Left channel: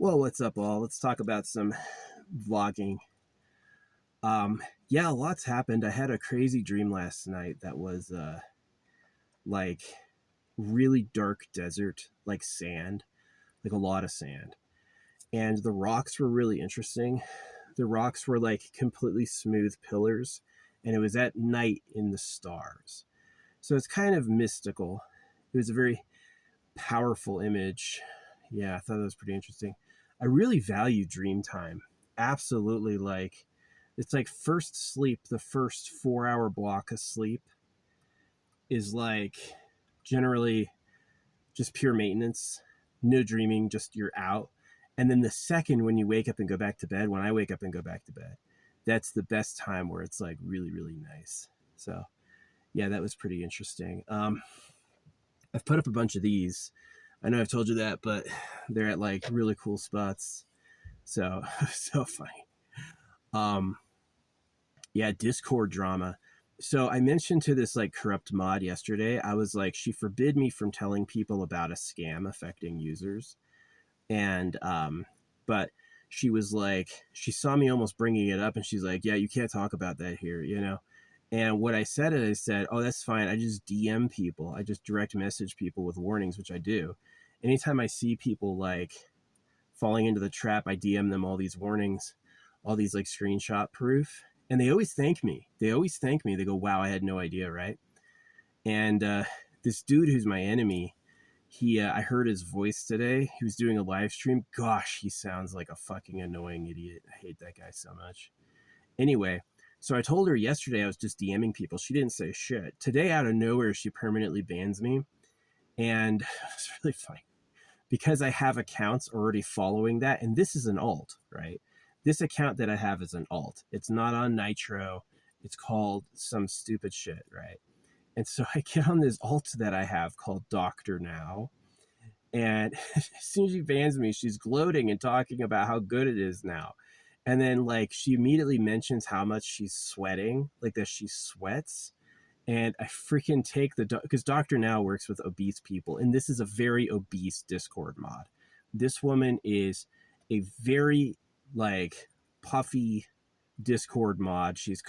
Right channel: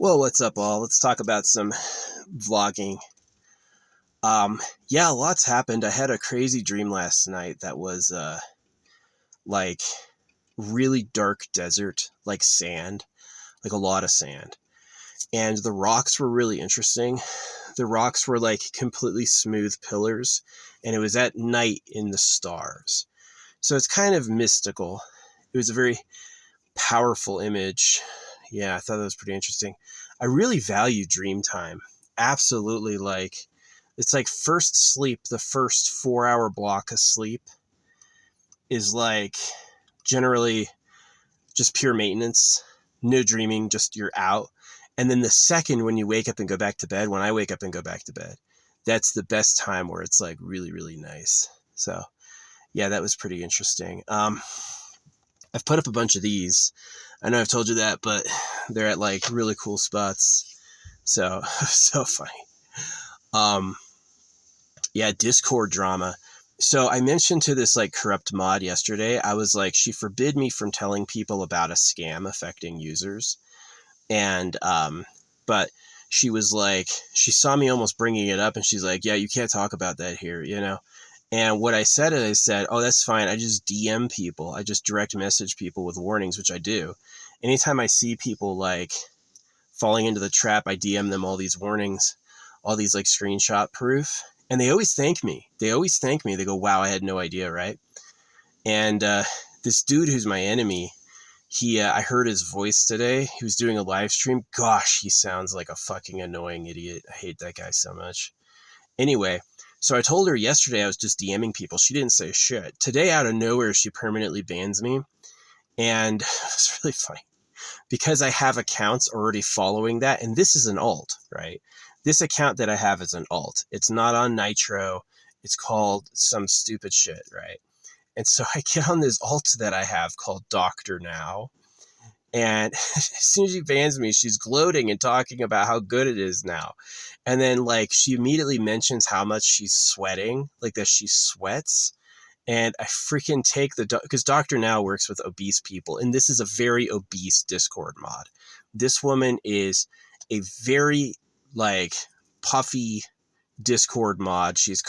Well, what's up, all? Let's talk about some vlogging. Yeah, lots happened. I had a crazy dream last night that was like really dark desert, like sand, like a lot of sand. And the rocks were really interesting. The rocks were like completely smooth pillars, and it was at night in the stars. So it's kind of mystical. It was a very powerful image. Yeah, I thought that was pretty interesting. I really value dream time. Absolutely. Like, it's like first sleep, the first 4 hour block of sleep is like generally just pure maintenance, no dreaming, just you're out. And then the second when you wake up and go back to bed, when I wake up and go back to bed, that's the best time where it's like really, really nice. So yeah, that was pretty interesting. I've put up a bunch of these. I know I've told you that, but they're at like really cool spots. So, so funny. Yeah, Discord drama. So I mentioned to this like corrupt mod yesterday, I was like, she forbid me from telling people about a scam affecting users. And, but she was like, she saw me almost bringing it up and she's like, yeah, you can't talk about that here, you know? And what I said is I said, oh, that's fine. I just DM people. I just direct message people with warnings, which I do. Anytime I see people like falling into the trap, I DM them all these warnings, all these like screenshot proof. And they always thank me. They always thank me. They go, wow, I had no idea, right? And this dude who's my enemy, I heard his voice today. He was doing a live stream. Gosh, he sounds like a fucking annoying idiot. I hate that guy so much. Anyway, so I told her yesterday I was just DMing people. She didn't say shit. Today, out of nowhere, she permanently bans me. And it's really funny because I have accounts already following that. And this is an alt, right? This account that I have is an alt. It's not on Nitro. It's called some stupid shit, right? And so I get on this alt that I have called Doctor Now. And as soon as she bans me, she's gloating and talking about how good it is now. And then like she immediately mentions how much she's sweating, like that she sweats. And I freaking take because Doctor Now works with obese people. And this is a very obese Discord mod. This woman is a very like puffy Discord mod. She's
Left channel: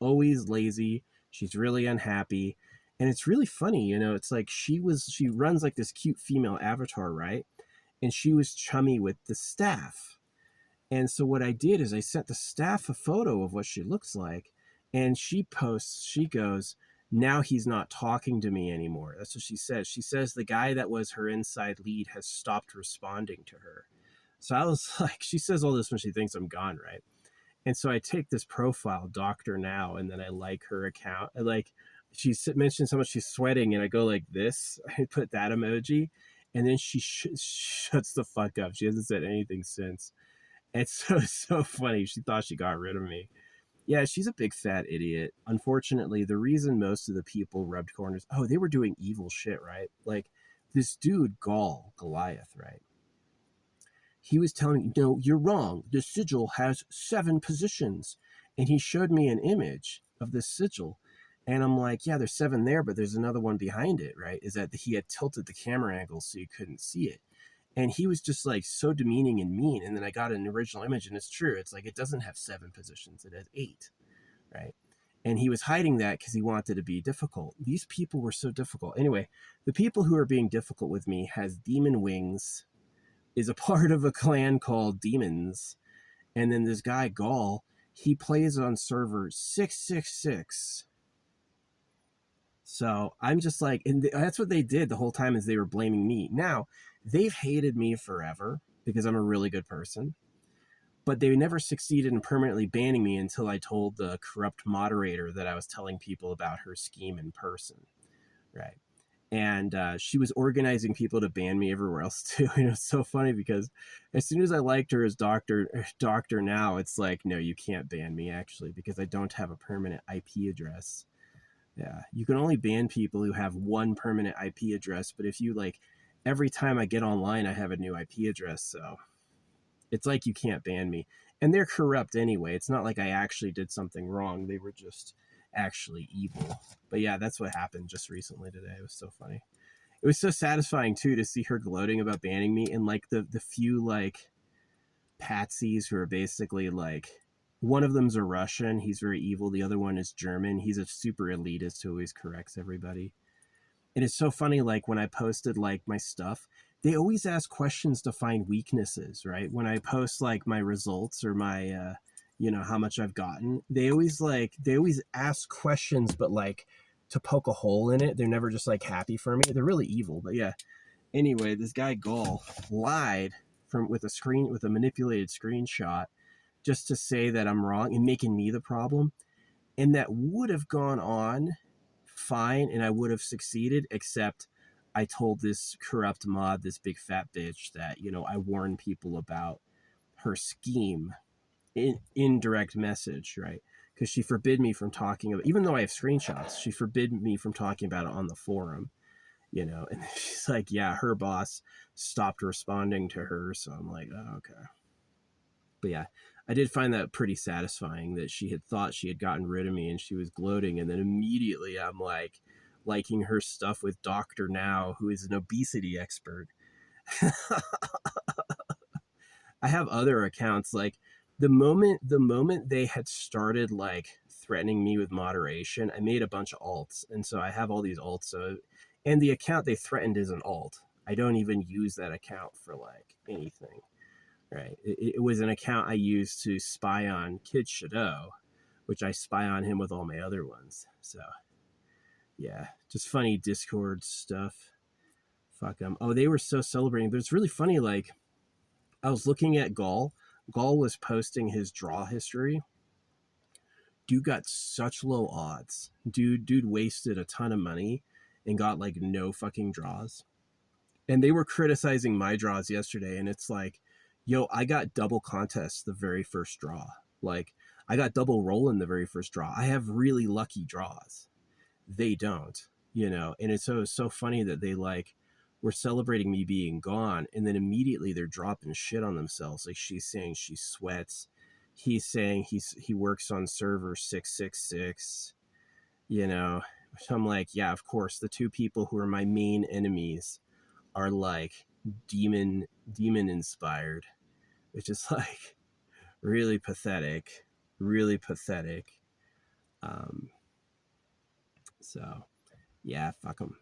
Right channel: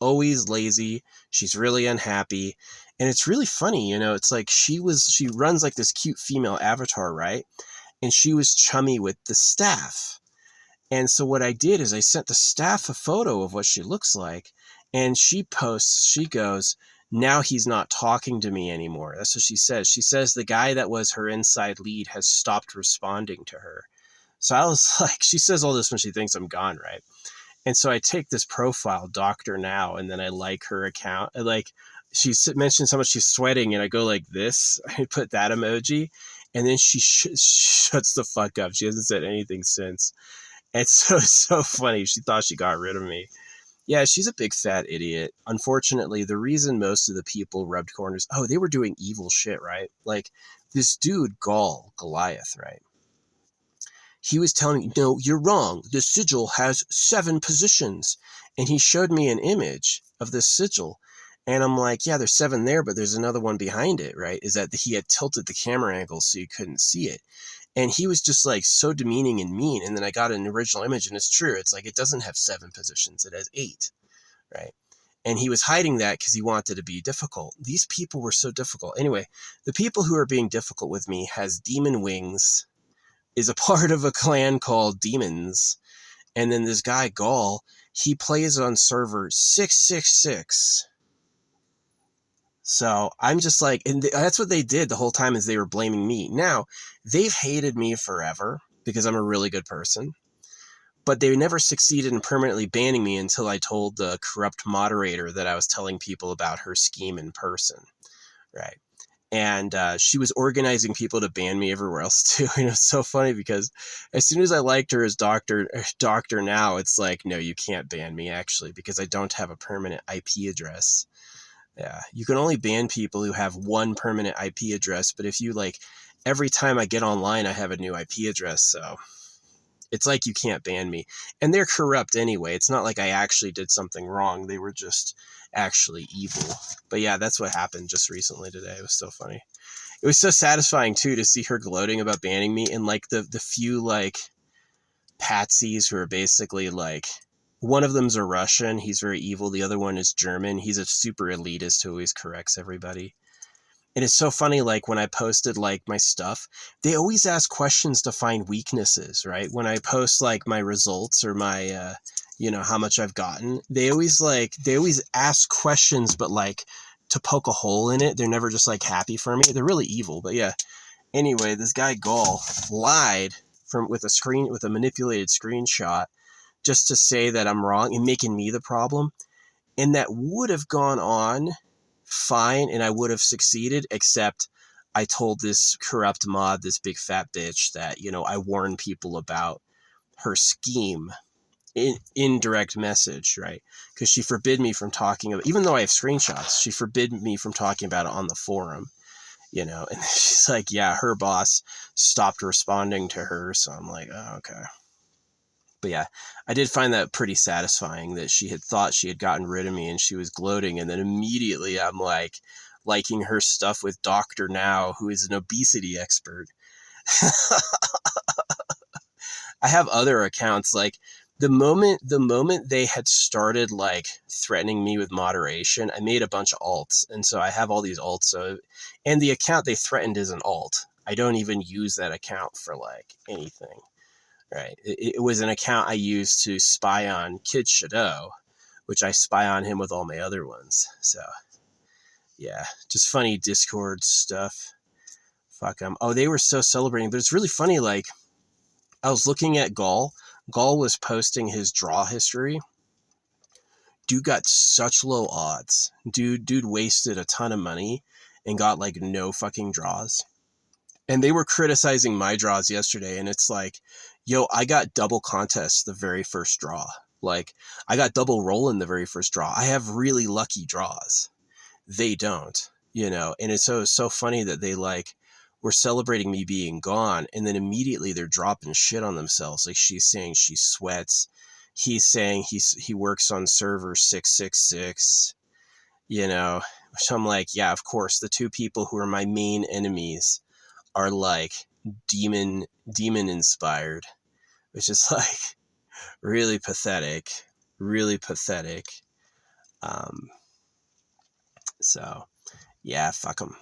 always lazy. She's really unhappy. And it's really funny, you know, it's like she runs like this cute female avatar, right? And she was chummy with the staff. And so what I did is I sent the staff a photo of what she looks like. And she goes, now he's not talking to me anymore. That's what she says. She says the guy that was her inside lead has stopped responding to her. So I was like, she says all this when she thinks I'm gone, right? And so I take this profile, Doctor Now, and then I like her account. She mentions how much she's sweating, and I go like this. I put that emoji, and then she shuts the fuck up. She hasn't said anything since. And so it's so funny. She thought she got rid of me. Yeah, she's a big fat idiot. Unfortunately, the reason most of the people rubbed corners, they were doing evil shit, right? Like this dude, Goliath, right? He was telling me, no, you're wrong. The sigil has 7 positions. And he showed me an image of this sigil. And I'm like, yeah, there's 7 there, but there's another one behind it, right? Is that he had tilted the camera angle so you couldn't see it. And he was just like so demeaning and mean. And then I got an original image and it's true. It's like, it doesn't have 7 positions. It has 8, right? And he was hiding that because he wanted to be difficult. These people were so difficult. Anyway, the people who are being difficult with me has demon wings, is a part of a clan called Demons. And then this guy, Gaul, he plays on server 666. So I'm just like, and that's what they did the whole time is they were blaming me. Now, they've hated me forever because I'm a really good person. But they never succeeded in permanently banning me until I told the corrupt moderator that I was telling people about her scheme in person, right? And she was organizing people to ban me everywhere else too. And it's so funny because as soon as I liked her as Doctor Now, it's like, no, you can't ban me actually because I don't have a permanent IP address. Yeah, you can only ban people who have one permanent IP address. But if you like, every time I get online, I have a new IP address. So it's like you can't ban me. And they're corrupt anyway. It's not like I actually did something wrong. They were just actually evil. But yeah, that's what happened just recently today. It was so funny. It was so satisfying too to see her gloating about banning me, and like the few like patsies who are basically like, one of them's a Russian. He's very evil. The other one is German. He's a super elitist who always corrects everybody. And it's so funny, like when I posted like my stuff, they always ask questions to find weaknesses, right? When I post like my results or my, how much I've gotten, they always ask questions, but like to poke a hole in it. They're never just like happy for me. They're really evil. But yeah, anyway, this guy Gall lied with a manipulated screenshot just to say that I'm wrong and making me the problem. And that would have gone on fine and I would have succeeded, except I told this corrupt mod, this big fat bitch, that, I warned people about her scheme in indirect message, right? Because she forbid me from talking about, even though I have screenshots, she forbid me from talking about it on the forum, and she's like, yeah, her boss stopped responding to her. So I'm like, oh, okay. But yeah, I did find that pretty satisfying that she had thought she had gotten rid of me and she was gloating. And then immediately I'm like liking her stuff with Dr. Now, who is an obesity expert. I have other accounts. Like the moment they had started like threatening me with moderation, I made a bunch of alts. And so I have all these alts. And the account they threatened is an alt. I don't even use that account for like anything. Right. It was an account I used to spy on Kid Shadow, which I spy on him with all my other ones. So, yeah, just funny Discord stuff. Fuck them. Oh, they were so celebrating. But it's really funny. Like, I was looking at Gall. Gall was posting his draw history. Dude got such low odds. Dude wasted a ton of money and got like no fucking draws. And they were criticizing my draws yesterday, and it's like, yo, I got double contests the very first draw. Like, I got double roll in the very first draw. I have really lucky draws. They don't, and it's so funny that they like were celebrating me being gone, and then immediately they're dropping shit on themselves. Like, she's saying she sweats. He's saying he works on server 666, which I'm like, yeah, of course, the two people who are my main enemies are like demon inspired, which is like really pathetic. So yeah, fuck them.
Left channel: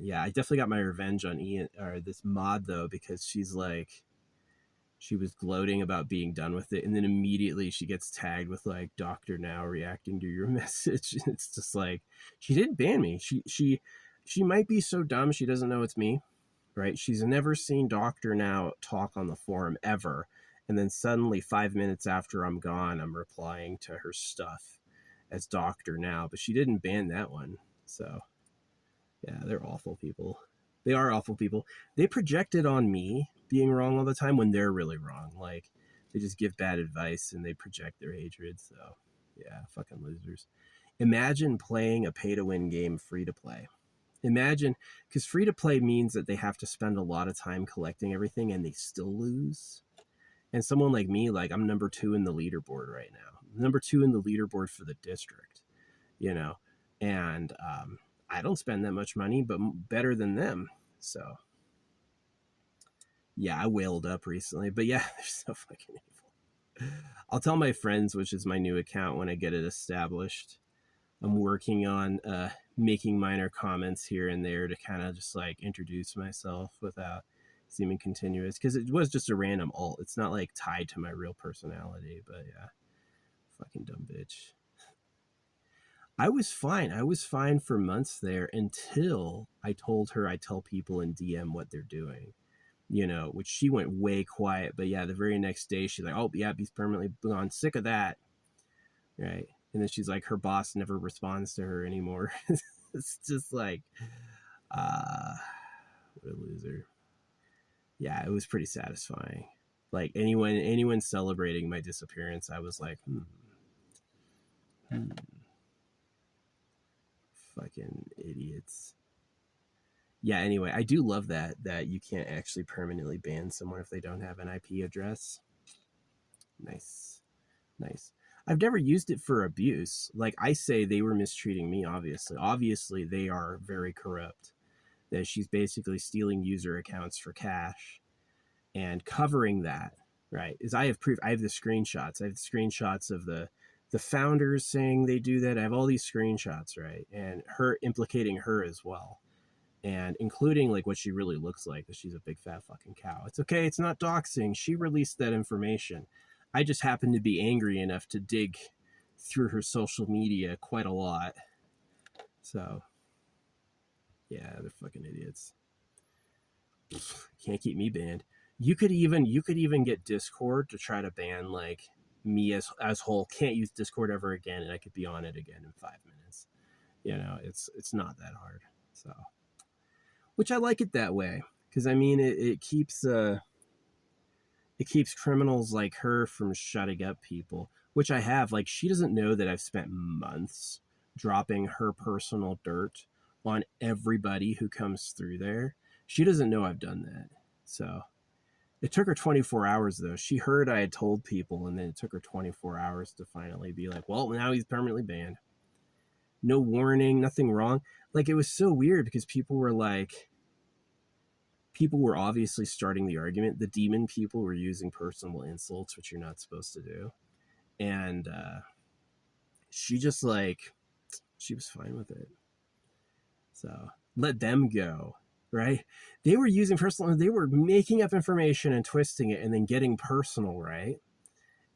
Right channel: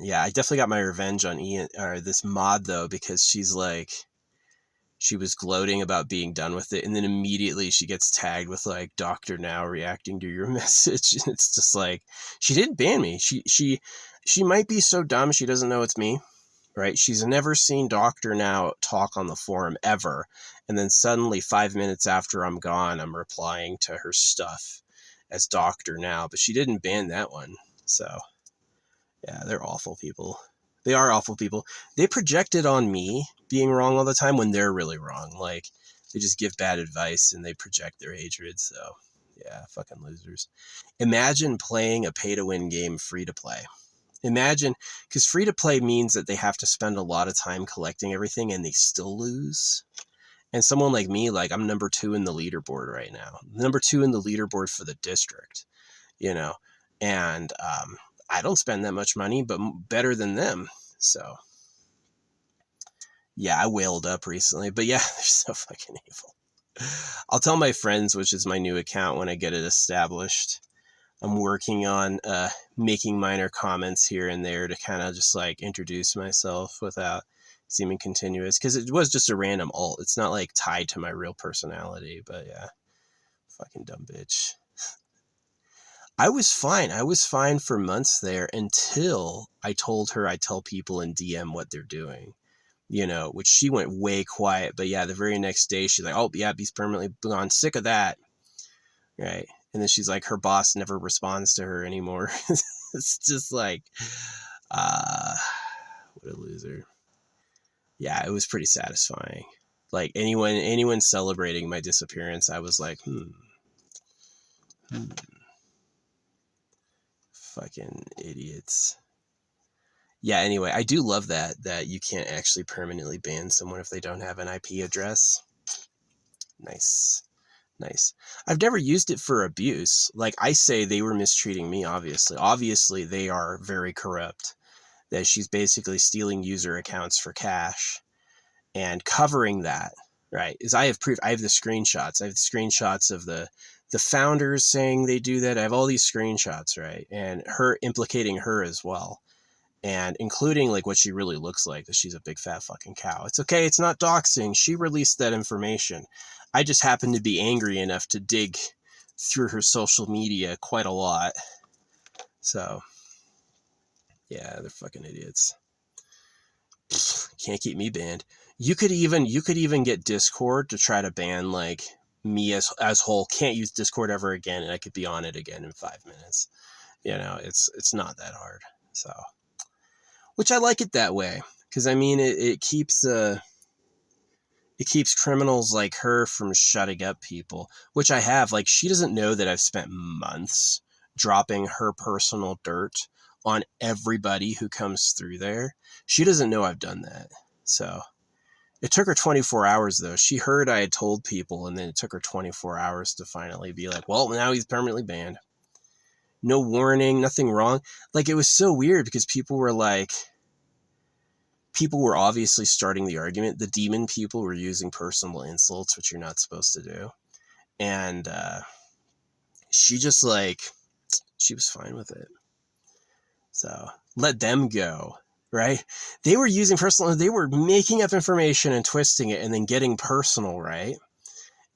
Yeah, I definitely got my revenge on Ian, or this mod though, because she was gloating about being done with it, and then immediately she gets tagged with like Dr. Now reacting to your message. And it's just like, she didn't ban me. She might be so dumb she doesn't know it's me, right? She's never seen Dr. Now talk on the forum ever. And then suddenly 5 minutes after I'm gone, I'm replying to her stuff as Dr. Now, but she didn't ban that one. So yeah, they're awful people. They are awful people. They project it on me being wrong all the time when they're really wrong. Like, they just give bad advice and they project their hatred. So yeah, fucking losers. Imagine playing a pay-to-win game free to play. Imagine, because free to play means that they have to spend a lot of time collecting everything and they still lose. And someone like me, like, I'm number 2 in the leaderboard right now. Number 2 in the leaderboard for the district, and I don't spend that much money, but better than them. So yeah, I whaled up recently, but yeah, they're so fucking evil. I'll tell my friends, which is my new account, when I get it established. I'm working on making minor comments here and there to kind of just like introduce myself without seeming continuous, because it was just a random alt. It's not like tied to my real personality. But yeah, fucking dumb bitch. I was fine for months there until I told her I tell people in DM what they're doing, which she went way quiet. But yeah, the very next day she's like, oh yeah, he's permanently gone, sick of that, right? And then she's like, her boss never responds to her anymore. It's just like, what a loser. Yeah, it was pretty satisfying. Like, anyone celebrating my disappearance, I was like, fucking idiots. Yeah, anyway, I do love that you can't actually permanently ban someone if they don't have an IP address. Nice. I've never used it for abuse. Like, I say they were mistreating me, obviously they are very corrupt, that she's basically stealing user accounts for cash. and covering that, right, is I have proof. I have the screenshots. I have the screenshots of the founders saying they do that. I have all these screenshots, right, and her implicating her as well, and including like what she really looks like, that she's a big fat fucking cow. It's okay. It's not doxing. She released that information. I just happened to be angry enough to dig through her social media quite a lot. So yeah, they're fucking idiots. Can't keep me banned. You could even get Discord to try to ban like me as whole. Can't use Discord ever again, and I could be on it again in 5 minutes. You know, it's not that hard. So, which I like it that way, because I mean it keeps criminals like her from shutting up people, which I have. Like, she doesn't know that I've spent months dropping her personal dirt on everybody who comes through there. She doesn't know I've done that. So it took her 24 hours though. She heard I had told people, and then it took her 24 hours to finally be like, well, now he's permanently banned. No warning, nothing wrong. Like, it was so weird because people were obviously starting the argument. The demon people were using personal insults, which you're not supposed to do. And she just she was fine with it. So let them go, right? They were using personal, they were making up information and twisting it and then getting personal, right?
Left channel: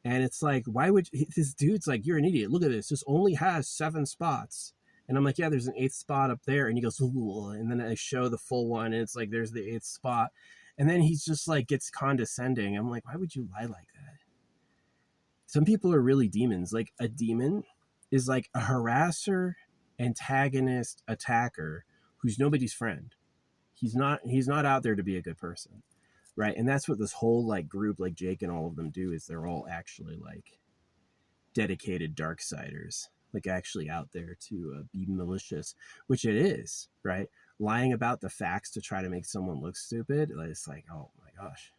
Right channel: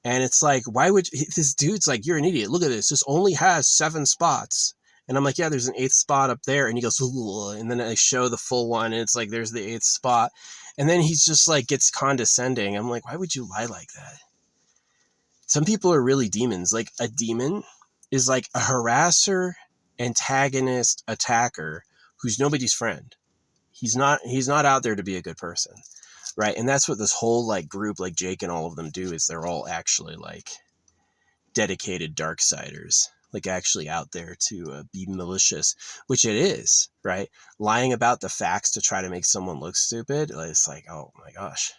And it's like, why would this dude's like, you're an idiot. Look at this. This only has 7 spots. And I'm like, yeah, there's an 8th spot up there. And he goes, ugh. And then I show the full one, and it's like, there's the 8th spot. And then he's just like, gets condescending. I'm like, why would you lie like that? Some people are really demons. Like, a demon is like a harasser, antagonist, attacker who's nobody's friend. He's not out there to be a good person, right? And that's what this whole like group, like Jake and all of them, do, is they're all actually like dedicated darksiders, like actually out there to be malicious, which it is, right? Lying about the facts to try to make someone look stupid. It's like, oh my gosh.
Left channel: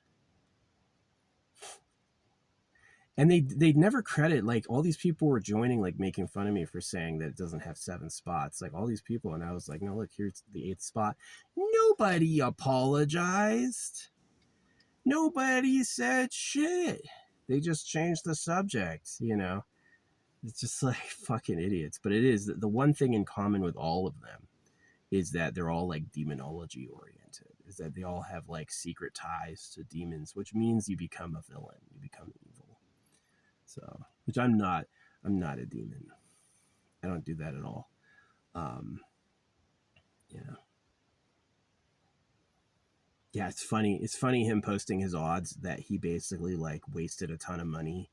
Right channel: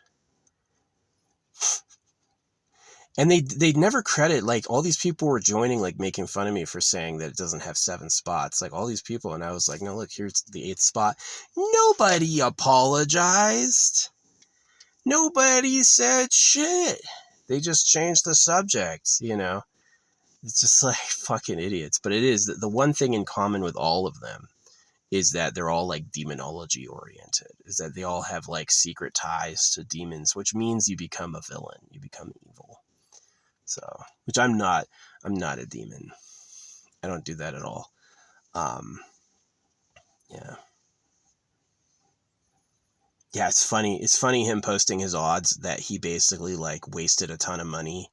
And they'd never credit, like, all these people were joining, like, making fun of me for saying that it doesn't have 7 spots, like all these people. And I was like, no, look, here's the 8th spot. Nobody apologized. Nobody said shit. They just changed the subject, you know? It's just like fucking idiots. But it is the one thing in common with all of them is that they're all like demonology oriented, is that they all have like secret ties to demons, which means you become a villain, you become evil. So, which I'm not a demon. I don't do that at all. Yeah. Yeah, it's funny. It's funny him posting his odds that he basically like wasted a ton of money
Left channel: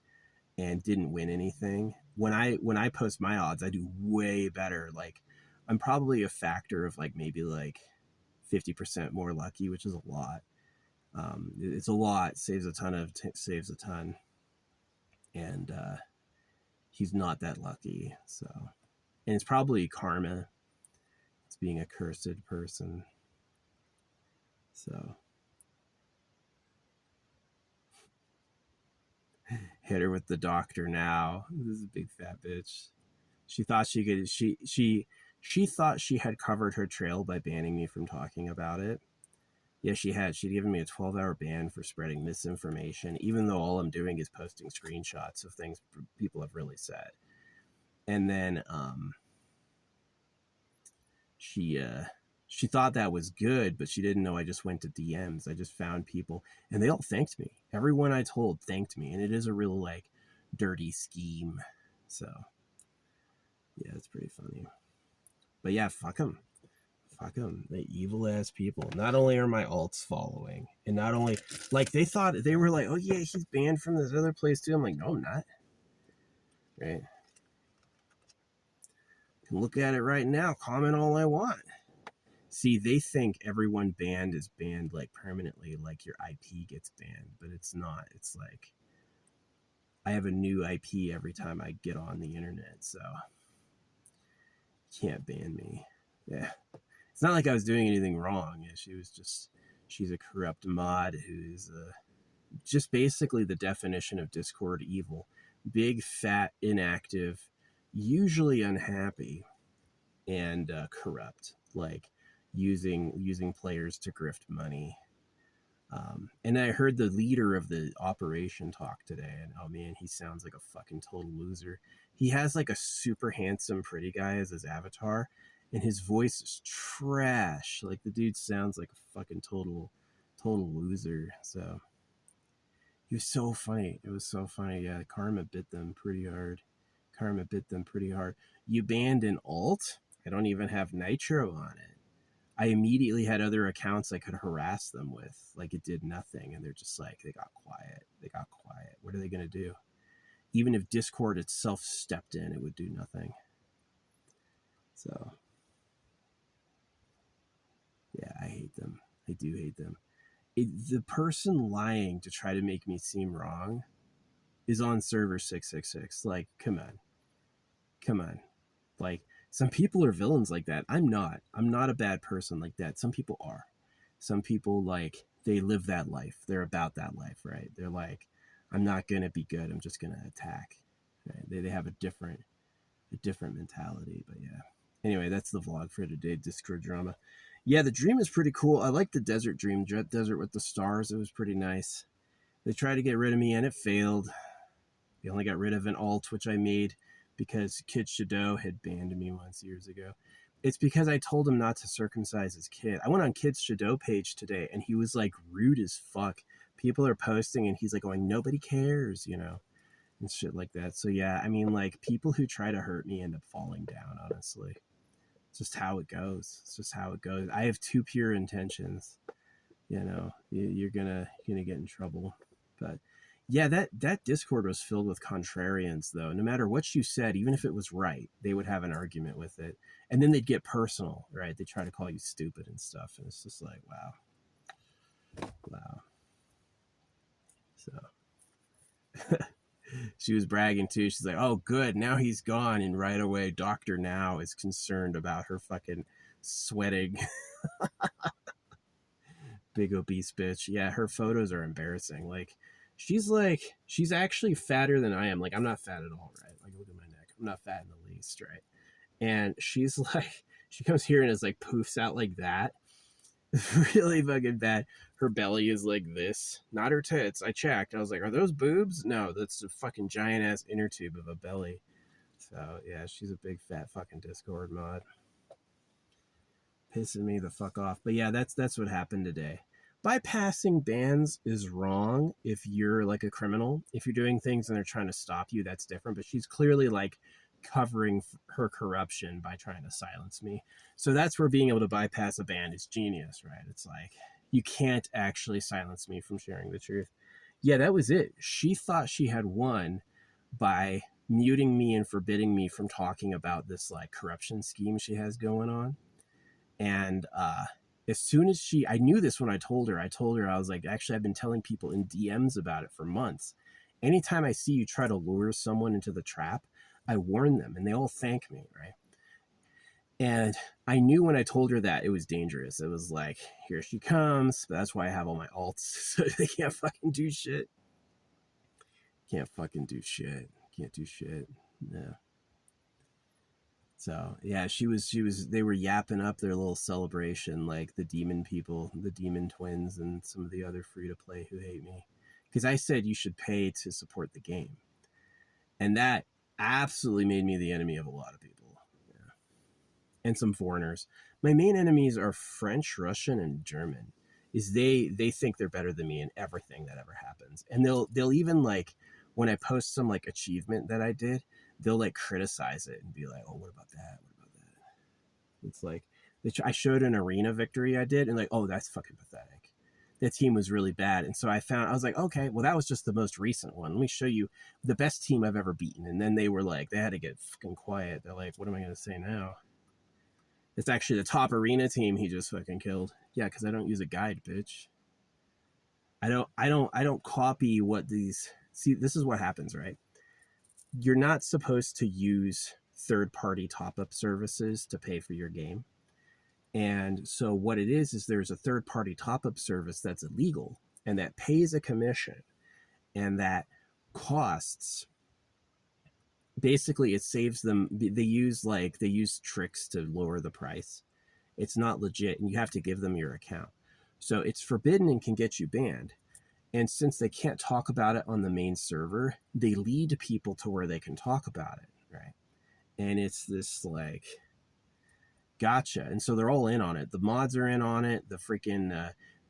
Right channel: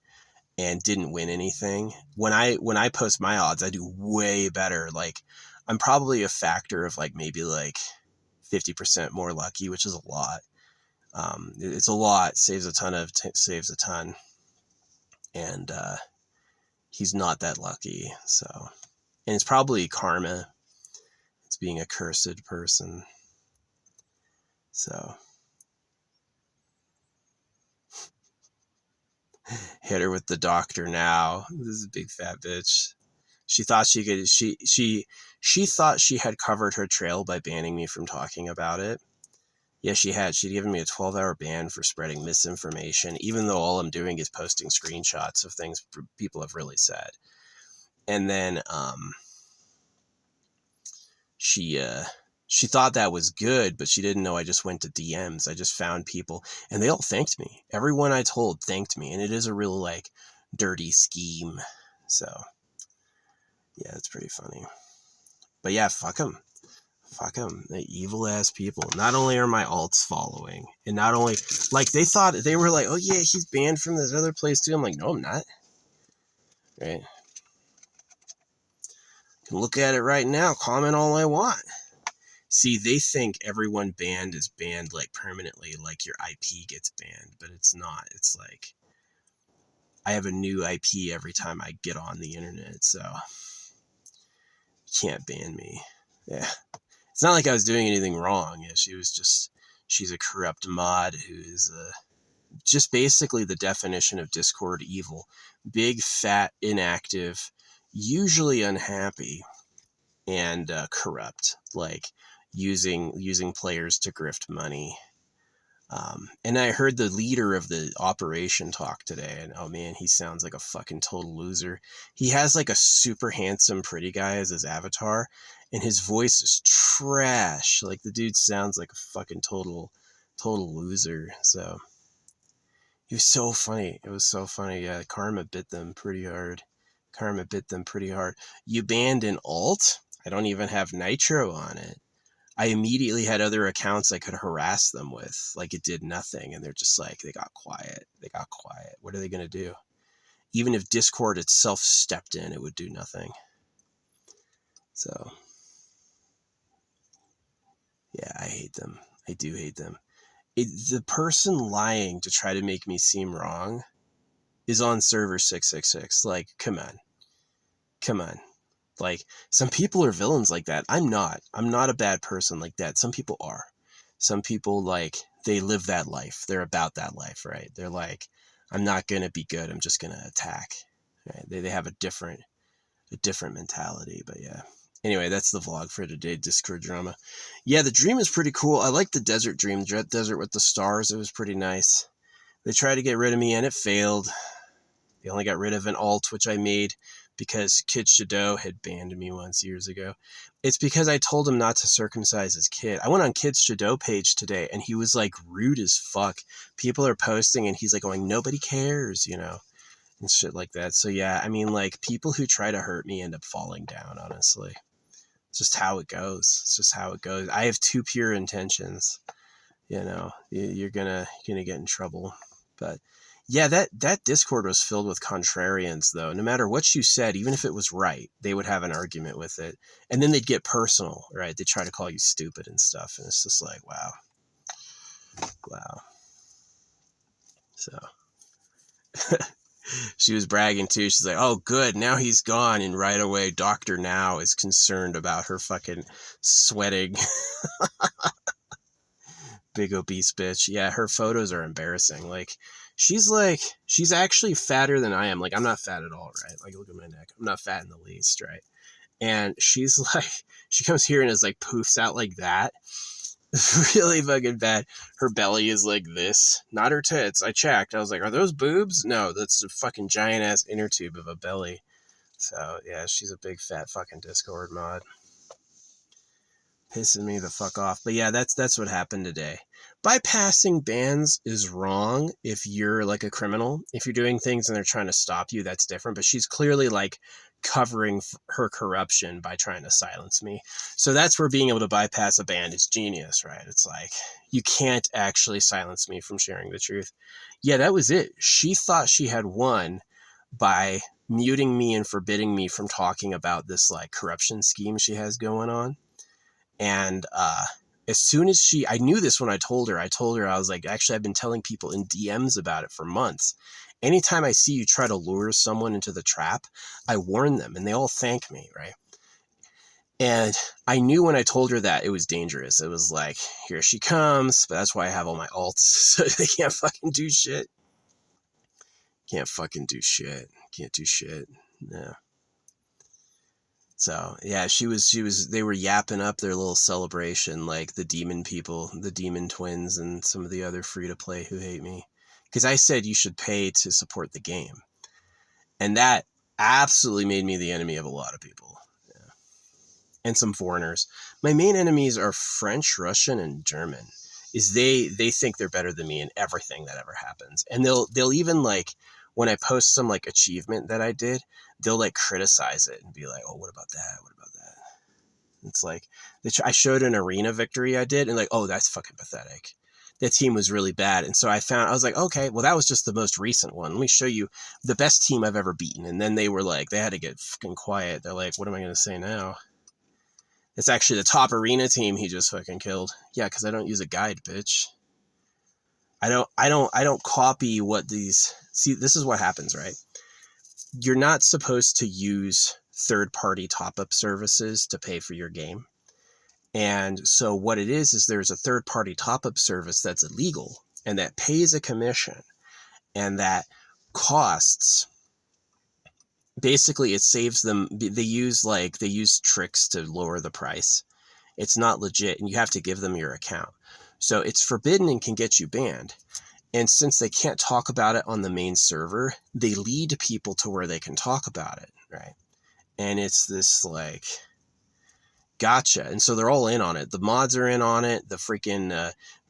and didn't win anything. When I post my odds, I do way better. Like, I'm probably a factor of like maybe like 50% more lucky, which is a lot. It's a lot. Saves a ton. And he's not that lucky. So, and it's probably karma. It's being a cursed person. So, hit her with the doctor now. This is a big fat bitch. She thought she could. She thought she had covered her trail by banning me from talking about it. Yeah, she had. She'd given me a 12-hour ban for spreading misinformation, even though all I'm doing is posting screenshots of things people have really said. And then she thought that was good, but she didn't know I just went to DMs. I just found people, and they all thanked me. Everyone I told thanked me, and it is a real like dirty scheme. So yeah, it's pretty funny. But yeah, fuck them. Fuck them. The evil ass people. Not only are my alts following, and not only like they thought, they were like, oh yeah, he's banned from this other place too. I'm like, no, I'm not. Right? Can look at it right now. Comment all I want. See, they think everyone banned is banned like permanently, like your IP gets banned, but it's not. It's like I have a new IP every time I get on the internet, so you can't ban me. Yeah. It's not like I was doing anything wrong. Yeah, she's a corrupt mod who is just basically the definition of Discord evil. Big, fat, inactive, usually unhappy, and corrupt. Like using players to grift money. And I heard the leader of the operation talk today, and oh man, he sounds like a fucking total loser. He has like a super handsome, pretty guy as his avatar, and his voice is trash. Like the dude sounds like a fucking total loser. So he was so funny. It was so funny. Yeah, karma bit them pretty hard. Karma bit them pretty hard. You banned an alt? I don't even have Nitro on it. I immediately had other accounts I could harass them with. Like it did nothing. And they're just like, they got quiet. They got quiet. What are they going to do? Even if Discord itself stepped in, it would do nothing. So, yeah, I hate them. I do hate them. The person lying to try to make me seem wrong is on server 666. Like, come on. Come on. Like, some people are villains like that. I'm not a bad person like that. Some people are. Some people, like, they live that life. They're about that life, right? They're like, I'm not going to be good. I'm just going to attack. Right? They have a different mentality. But yeah. Anyway, that's the vlog for today, Discord drama. Yeah, the dream is pretty cool. I like the desert dream, the desert with the stars. It was pretty nice. They tried to get rid of me and it failed. They only got rid of an alt, which I made because Kid Shadow had banned me once years ago. It's because I told him not to circumcise his kid. I went on Kid Shadow page today and he was like rude as fuck. People are posting and he's like going, nobody cares, you know, and shit like that. So yeah, I mean, like people who try to hurt me end up falling down, honestly. It's just how it goes. It's just how it goes. I have too pure intentions. You know, you're gonna get in trouble. But yeah, that Discord was filled with contrarians, though. No matter what you said, even if it was right, they would have an argument with it, and then they'd get personal, right? They try to call you stupid and stuff, and it's just like, wow. So she was bragging too. She's like, "Oh, good, now he's gone," and right away, Doctor Now is concerned about her fucking sweating. Big obese bitch. Yeah, her photos are embarrassing. Like she's actually fatter than I am. Like I'm not fat at all, right? Like look at my neck. I'm not fat in the least, right? And she's like, she comes here and is like poofs out like that. Really fucking bad. Her belly is like this, not her tits. I checked. I was like, are those boobs? No, that's a fucking giant ass inner tube of a belly. So yeah, she's a big fat fucking Discord mod. Pissing me the fuck off. But yeah, that's what happened today. Bypassing bans is wrong if you're like a criminal. If you're doing things and they're trying to stop you, that's different. But she's clearly like covering her corruption by trying to silence me. So that's where being able to bypass a ban is genius, right? It's like you can't actually silence me from sharing the truth. Yeah, that was it. She thought she had won by muting me and forbidding me from talking about this like corruption scheme she has going on. And as soon as I knew this when I told her, I was like, actually, I've been telling people in DMs about it for months. Anytime I see you try to lure someone into the trap, I warn them and they all thank me, right? And I knew when I told her that it was dangerous. It was like, here she comes, but that's why I have all my alts, so they can't fucking do shit. Can't fucking do shit. Can't do shit. No. So yeah, they were yapping up their little celebration, like the demon people, the demon twins, and some of the other free to play who hate me. Because I said you should pay to support the game. And that absolutely made me the enemy of a lot of people. Yeah. And some foreigners. My main enemies are French, Russian, and German. Is they think they're better than me in everything that ever happens. And they'll even like when I post some like achievement that I did, they'll like criticize it and be like, oh, what about that? What about that? It's like, I showed an arena victory I did and like, oh, that's fucking pathetic. That team was really bad. And so I was like, okay, well, that was just the most recent one. Let me show you the best team I've ever beaten. And then they were like, they had to get fucking quiet. They're like, what am I going to say now? It's actually the top arena team he just fucking killed. Yeah, because I don't use a guide, bitch. I don't copy what these... See, this is what happens, right? You're not supposed to use third-party top-up services to pay for your game. And so what it is there's a third-party top-up service that's illegal and that pays a commission and that costs... Basically, it saves them... They use tricks to lower the price. It's not legit, and you have to give them your account. So it's forbidden and can get you banned. And since they can't talk about it on the main server, they lead people to where they can talk about it, right? And it's this like gotcha. And so they're all in on it. The mods are in on it. The freaking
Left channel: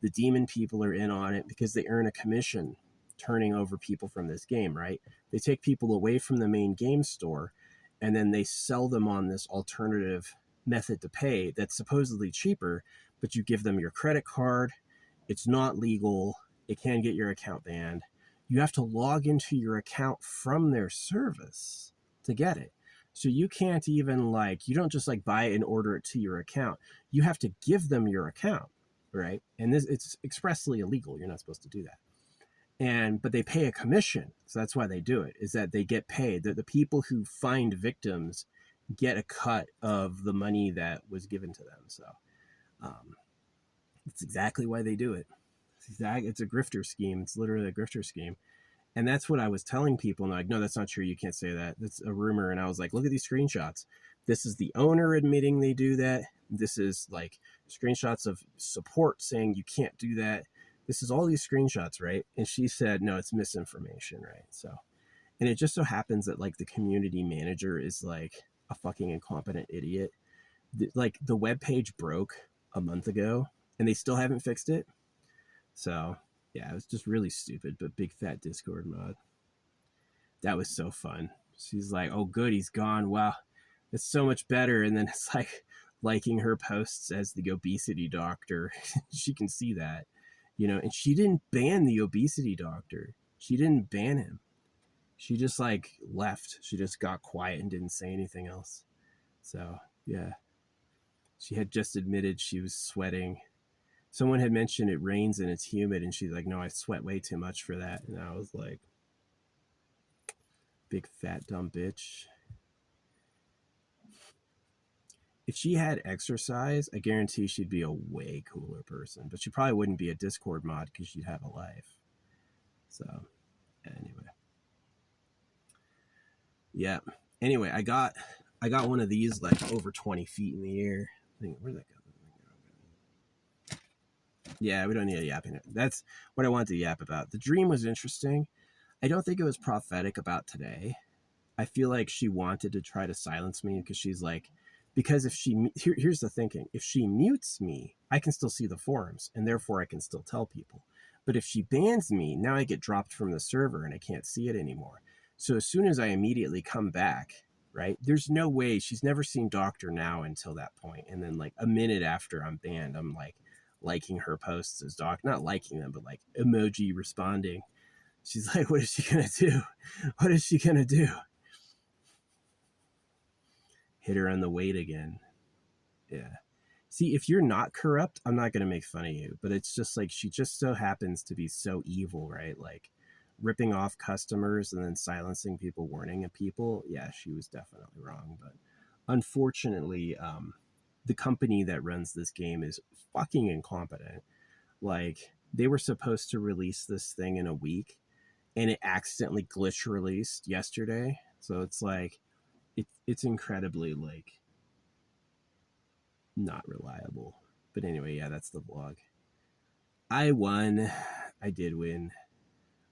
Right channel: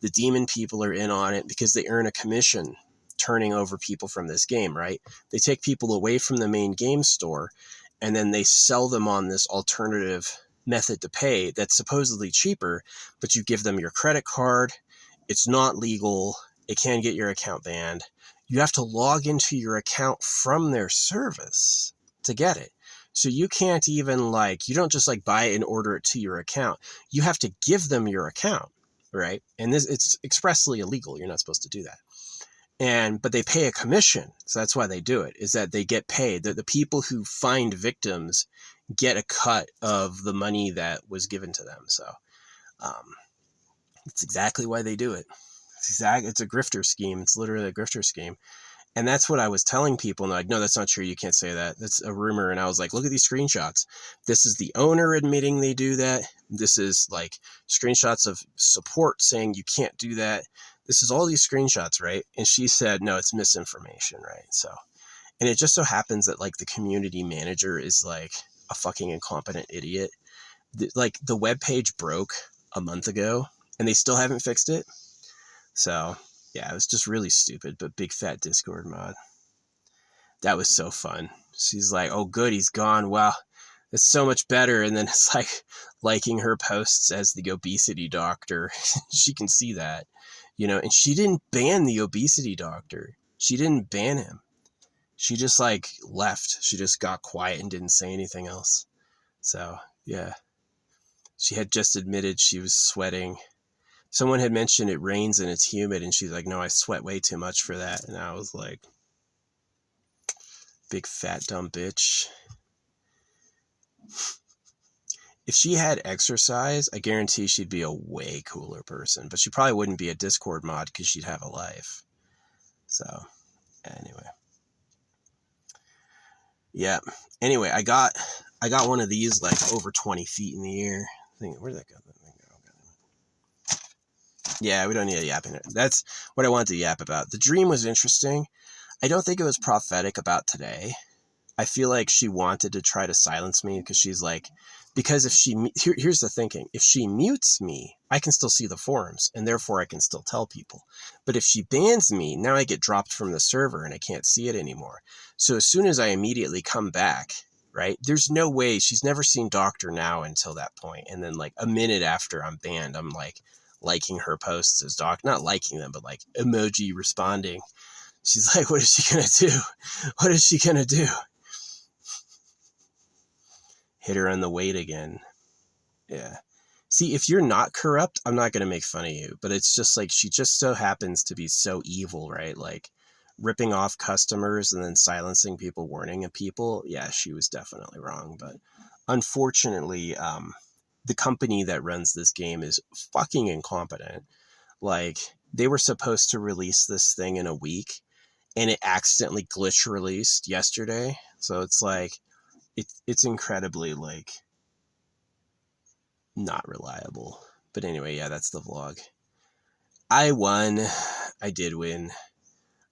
the demon people are in on it because they earn a commission turning over people from this game, right? They take people away from the main game store and then they sell them on this alternative method to pay that's supposedly cheaper, but you give them your credit card. It's not legal. It can get your account banned. You have to log into your account from their service to get it. So you can't even like, you don't just like buy it and order it to your account. You have to give them your account, right? And this, it's expressly illegal. You're not supposed to do that. But they pay a commission. So that's why they do it, is that they get paid. The people who find victims get a cut of the money that was given to them. So it's exactly why they do it. It's a grifter scheme. It's literally a grifter scheme. And that's what I was telling people. And they're like, no, that's not true. You can't say that. That's a rumor. And I was like, look at these screenshots. This is the owner admitting they do that. This is like screenshots of support saying you can't do that. This is all these screenshots, right? And she said, no, it's misinformation, right? So, and it just so happens that like the community manager is like a fucking incompetent idiot. Like the web page broke a month ago and they still haven't fixed it. So yeah, it was just really stupid, but big fat Discord mod. That was so fun. She's like, oh good, he's gone. Wow, it's so much better. And then it's like liking her posts as the obesity doctor. She can see that, you know, and she didn't ban the obesity doctor. She didn't ban him. She just like left. She just got quiet and didn't say anything else. So yeah, she had just admitted she was sweating. Someone had mentioned it rains and it's humid, and she's like, no, I sweat way too much for that. And I was like, big fat dumb bitch. If she had exercise, I guarantee she'd be a way cooler person, but she probably wouldn't be a Discord mod because she'd have a life. So anyway. Yeah. Anyway, I got one of these like over 20 feet in the air. Where'd that go? Yeah, we don't need a yap in it. That's what I wanted to yap about. The dream was interesting. I don't think it was prophetic about today. I feel like she wanted to try to silence me because she's like, because if she, here's the thinking, if she mutes me, I can still see the forums and therefore I can still tell people. But if she bans me, now I get dropped from the server and I can't see it anymore. So as soon as I immediately come back, right, there's no way, she's never seen Doctor Now until that point. And then like a minute after I'm banned, I'm like liking her posts as Doc, not liking them, but like emoji responding. She's like, what is she going to do? What is she going to do? Hit her on the weight again. Yeah. See, if you're not corrupt, I'm not going to make fun of you, but it's just like, she just so happens to be so evil, right? Like ripping off customers and then silencing people, warning at people. Yeah, she was definitely wrong. But unfortunately, the company that runs this game is fucking incompetent. Like they were supposed to release this thing in a week and it accidentally glitch released yesterday. So it's like, it's incredibly like not reliable. But anyway, yeah, that's the vlog. I won. I did win.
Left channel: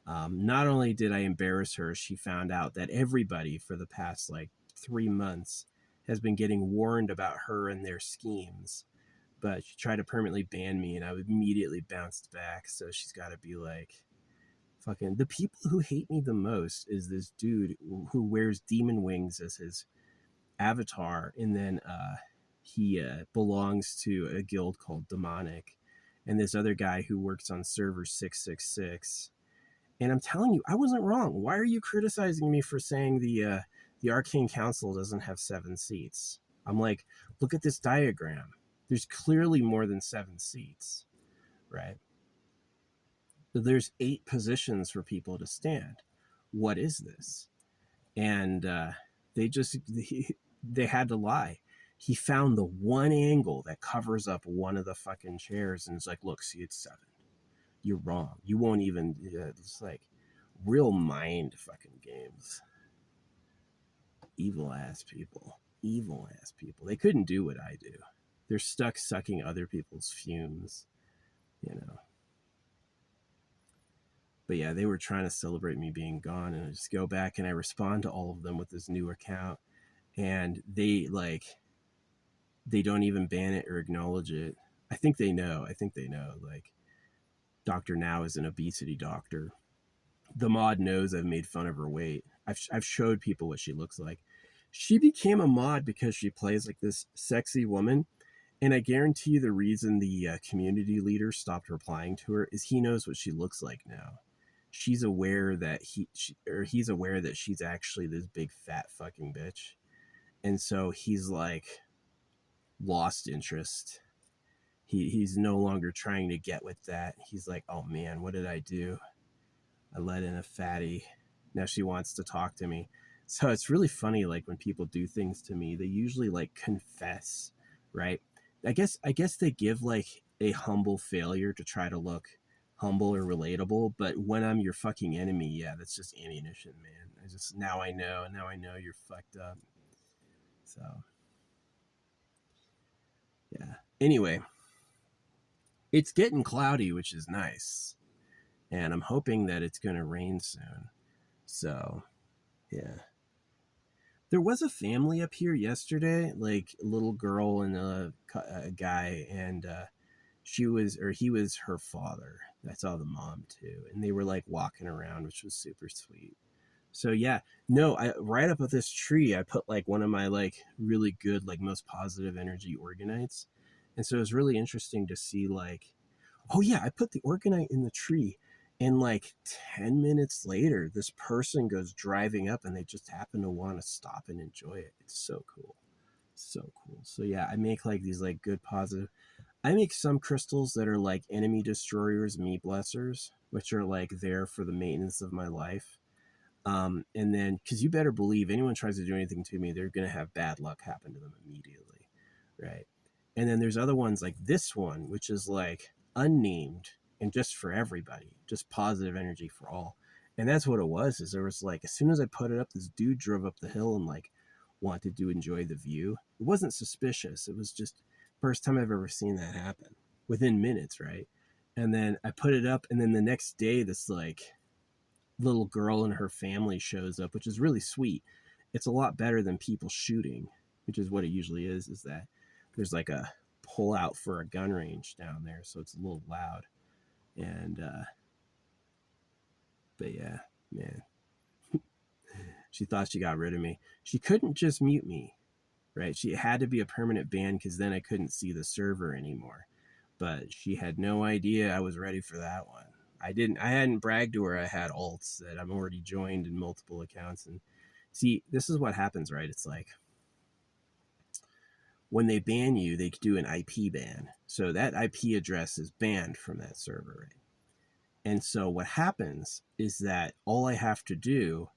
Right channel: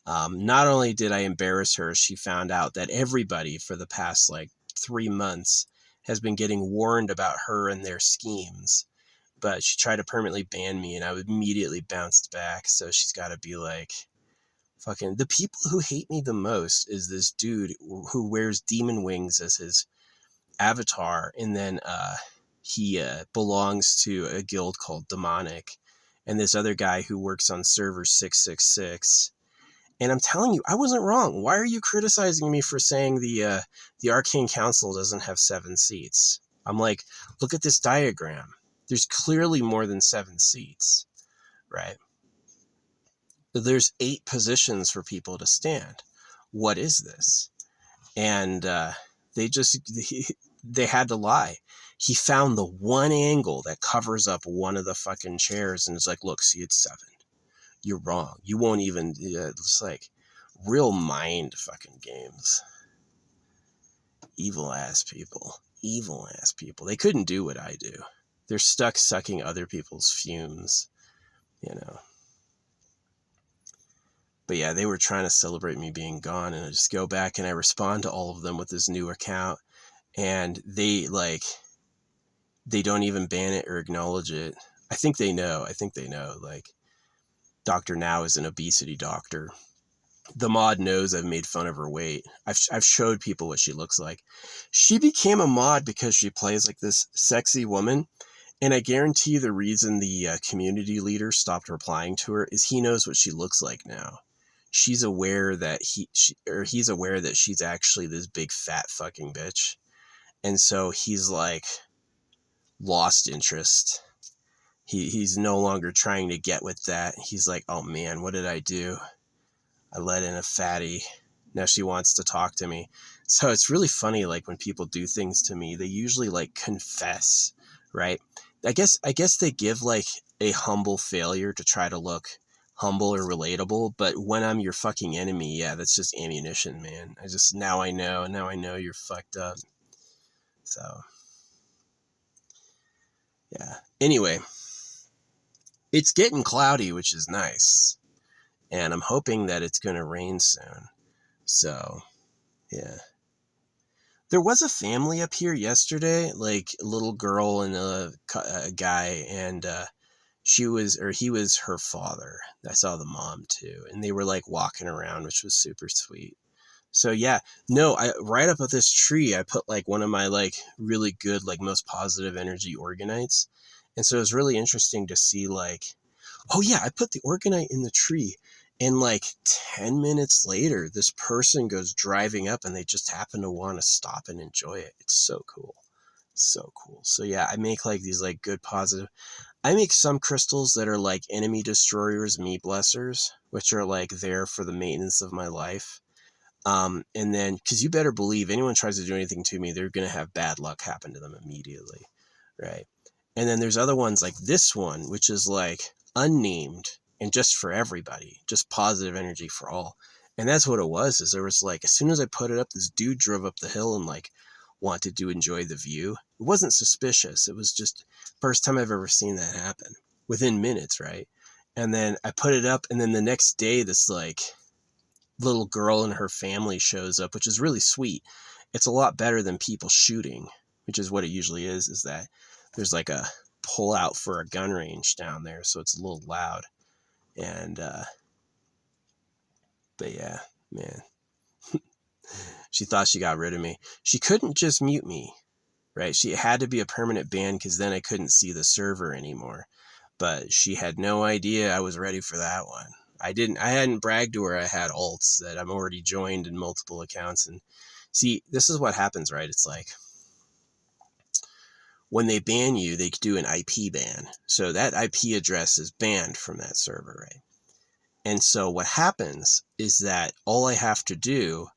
Not only did I embarrass her, she found out that everybody for the past like 3 months has been getting warned about her and their schemes. But she tried to permanently ban me and I immediately bounced back. So she's got to be like, fucking, the people who hate me the most is this dude who wears demon wings as his avatar, and then he belongs to a guild called Demonic, and this other guy who works on server 666. And I'm telling you, I wasn't wrong. Why are you criticizing me for saying the Arcane Council doesn't have 7 seats? I'm like, look at this diagram. There's clearly more than 7 seats, right? There's 8 positions for people to stand. What is this? And they had to lie. He found the one angle that covers up one of the fucking chairs and it's like, look, see, it's 7. You're wrong. You won't even, it's like real mind fucking games. Evil ass people. Evil ass people. They couldn't do what I do. They're stuck sucking other people's fumes. you know. But yeah, they were trying to celebrate me being gone, and I just go back and I respond to all of them with this new account, and they don't even ban it or acknowledge it. I think they know. Like, Dr. Now is an obesity doctor. The mod knows I've made fun of her weight. I've showed people what she looks like. She became a mod because she plays like this sexy woman. And I guarantee you the reason the community leader stopped replying to her is he knows what she looks like now. She's aware that he's aware that she's actually this big fat fucking bitch. And so he's like lost interest. He's no longer trying to get with that. He's like, oh man, what did I do? I let in a fatty. Now she wants to talk to me. So it's really funny, like when people do things to me, they usually like confess, right? I guess they give like a humble failure to try to look humble or relatable, but when I'm your fucking enemy, yeah, that's just ammunition, man. Now I know you're fucked up. So yeah. Anyway, it's getting cloudy, which is nice. And I'm hoping that it's going to rain soon. So, yeah. There was a family up here yesterday, like a little girl and a guy, and he was her father. I saw the mom too, and they were like walking around, which was super sweet. So yeah, no, right up at this tree, I put like one of my like really good, like most positive energy organites. And so it was really interesting to see like, oh yeah, I put the organite in the tree. And like 10 minutes later, this person goes driving up and they just happen to want to stop and enjoy it. It's so cool. So cool. So yeah, I make like these like good positive. I make some crystals that are like enemy destroyers, me blessers, which are like there for the maintenance of my life. And then, because you better believe anyone tries to do anything to me, they're going to have bad luck happen to them immediately. Right. And then there's other ones like this one, which is like unnamed and just for everybody, just positive energy for all. And that's what it was, is there was like, as soon as I put it up, this dude drove up the hill and like wanted to enjoy the view. It wasn't suspicious. It was just first time I've ever seen that happen within minutes. Right. And then I put it up, and then the next day, this like little girl and her family shows up, which is really sweet. It's a lot better than people shooting, which is what it usually is that there's like a pull out for a gun range down there. So it's a little loud. And, but yeah, man, she thought she got rid of me. She couldn't just mute me, right? She had to be a permanent ban, because then I couldn't see the server anymore. But she had no idea I was ready for that one. I hadn't bragged to her I had alts, that I'm already joined in multiple accounts. And see, this is what happens, right? It's like when they ban you, they do an IP ban. So that IP address is banned from that server, right? And so what happens is that all I have to do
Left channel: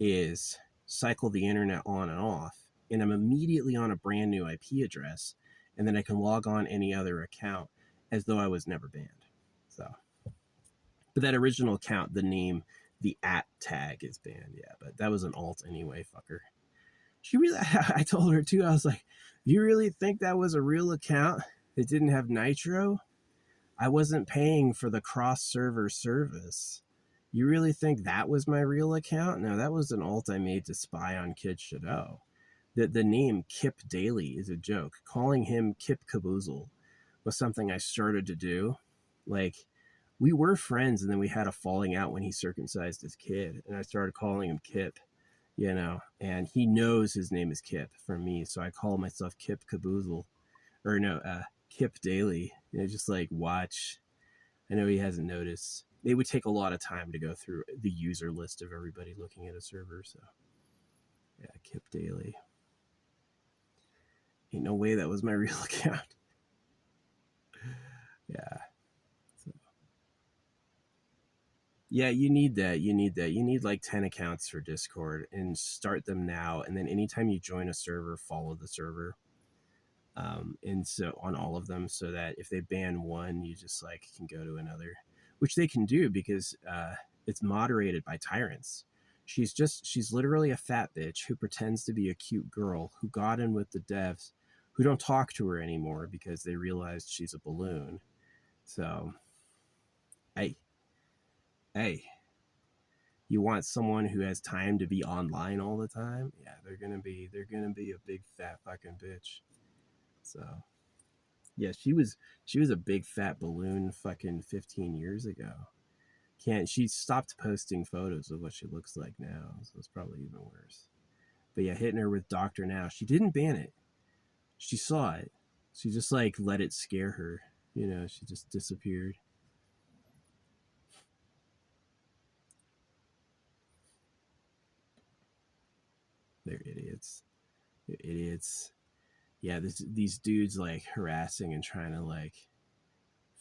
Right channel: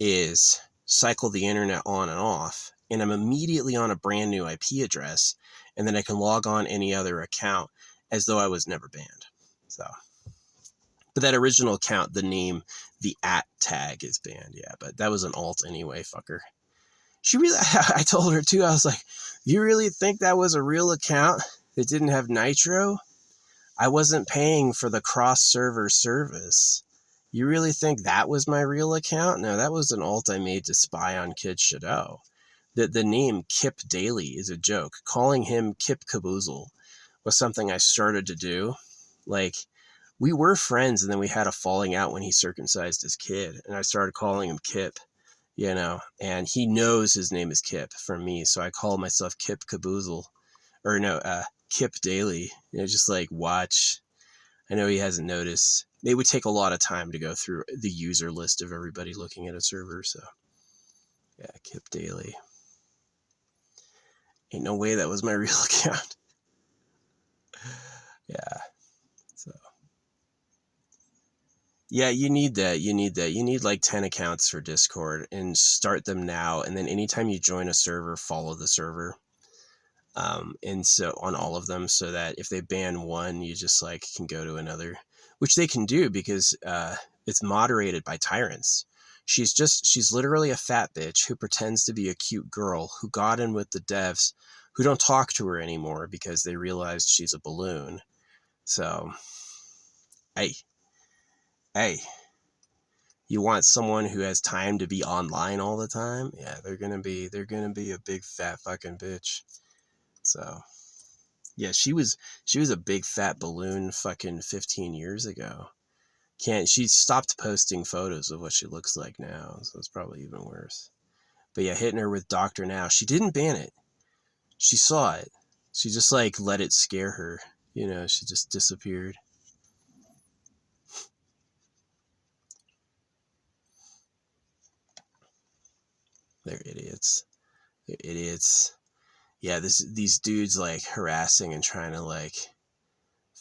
is cycle the internet on and off, and I'm immediately on a brand new IP address, and then I can log on any other account as though I was never banned. So, but that original account, the name, the @ tag is banned. Yeah, but that was an alt anyway, fucker. She really, I told her too, I was like, you really think that was a real account that didn't have Nitro? I wasn't paying for the cross server service. You really think that was my real account? No, that was an alt I made to spy on Kid Shadow. The name Kip Daily is a joke. Calling him Kip Caboozle was something I started to do. Like, we were friends, and then we had a falling out when he circumcised his kid, and I started calling him Kip, and he knows his name is Kip from me, so I call myself Kip Caboozle, or no, Kip Daily. Just like watch. I know he hasn't noticed. It would take a lot of time to go through the user list of everybody looking at a server. So yeah, Kip Daily. Ain't no way that was my real account. Yeah. So yeah, you need that. You need like 10 accounts for Discord, and start them now. And then anytime you join a server, follow the server. And so on all of them, so that if they ban one, you just like can go to another, which they can do because it's moderated by tyrants. She's literally a fat bitch who pretends to be a cute girl who got in with the devs, who don't talk to her anymore because they realized she's a balloon. So, hey, hey, you want someone who has time to be online all the time? Yeah, they're gonna be a big fat fucking bitch. So, yeah, she was a big fat balloon fucking 15 years ago. She stopped posting photos of what she looks like now, so it's probably even worse. But yeah, hitting her with Doctor Now. She didn't ban it. She saw it. She just like let it scare her. She just disappeared. They're idiots. They're idiots. Yeah, these dudes like harassing and trying to like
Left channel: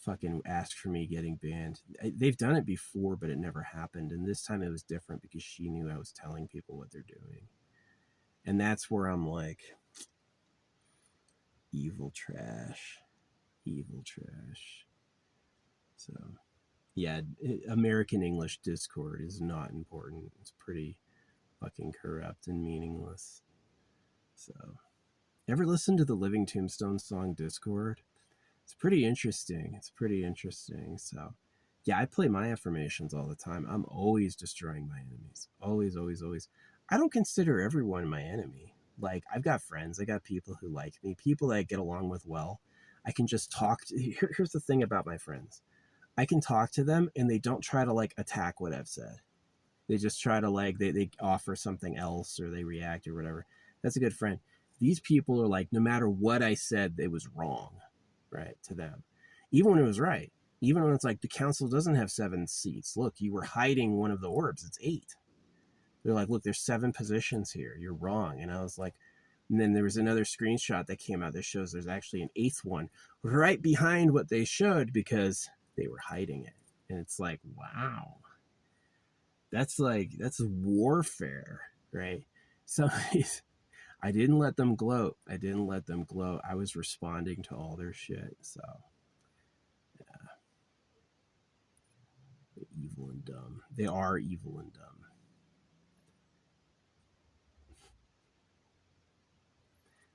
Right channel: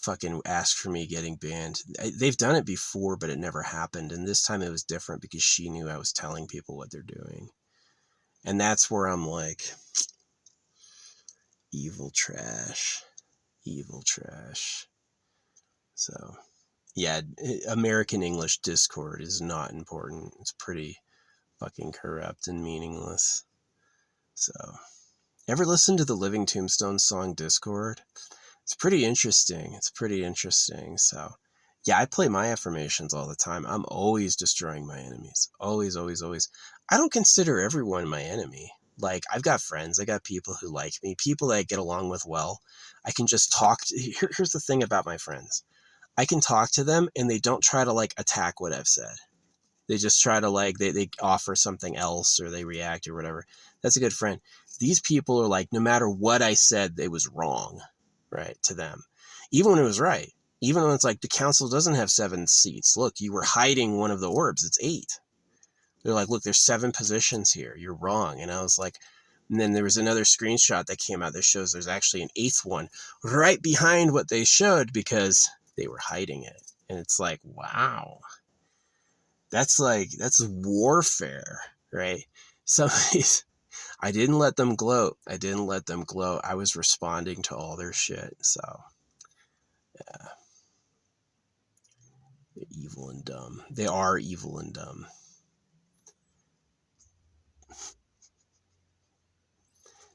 fucking ask for me getting banned. They've done it before, but it never happened. And this time it was different because she knew I was telling people what they're doing. And that's where I'm like, evil trash. Evil trash. So, yeah, American English Discord is not important. It's pretty fucking corrupt and meaningless. So, ever listen to the Living Tombstone song Discord? It's pretty interesting. So, yeah, I play my affirmations all the time. I'm always destroying my enemies. Always, always, always. I don't consider everyone my enemy. Like, I've got friends. I got people who like me, people that I get along with well. I can just talk to. Here's the thing about my friends. I can talk to them and they don't try to like attack what I've said. They just try to like, they offer something else or they react or whatever. That's a good friend. These people are like, no matter what I said, it was wrong, right, to them. Even when it was right. Even when it's like, the council doesn't have 7 seats. Look, you were hiding one of the orbs. It's 8. They're like, look, there's 7 positions here. You're wrong. And I was like, and then there was another screenshot that came out that shows there's actually an 8th one right behind what they showed because they were hiding it. And it's like, wow. That's warfare, right? Somebody's, I didn't let them gloat. I was responding to all their shit. So, yeah. They're evil and dumb. They are evil and dumb.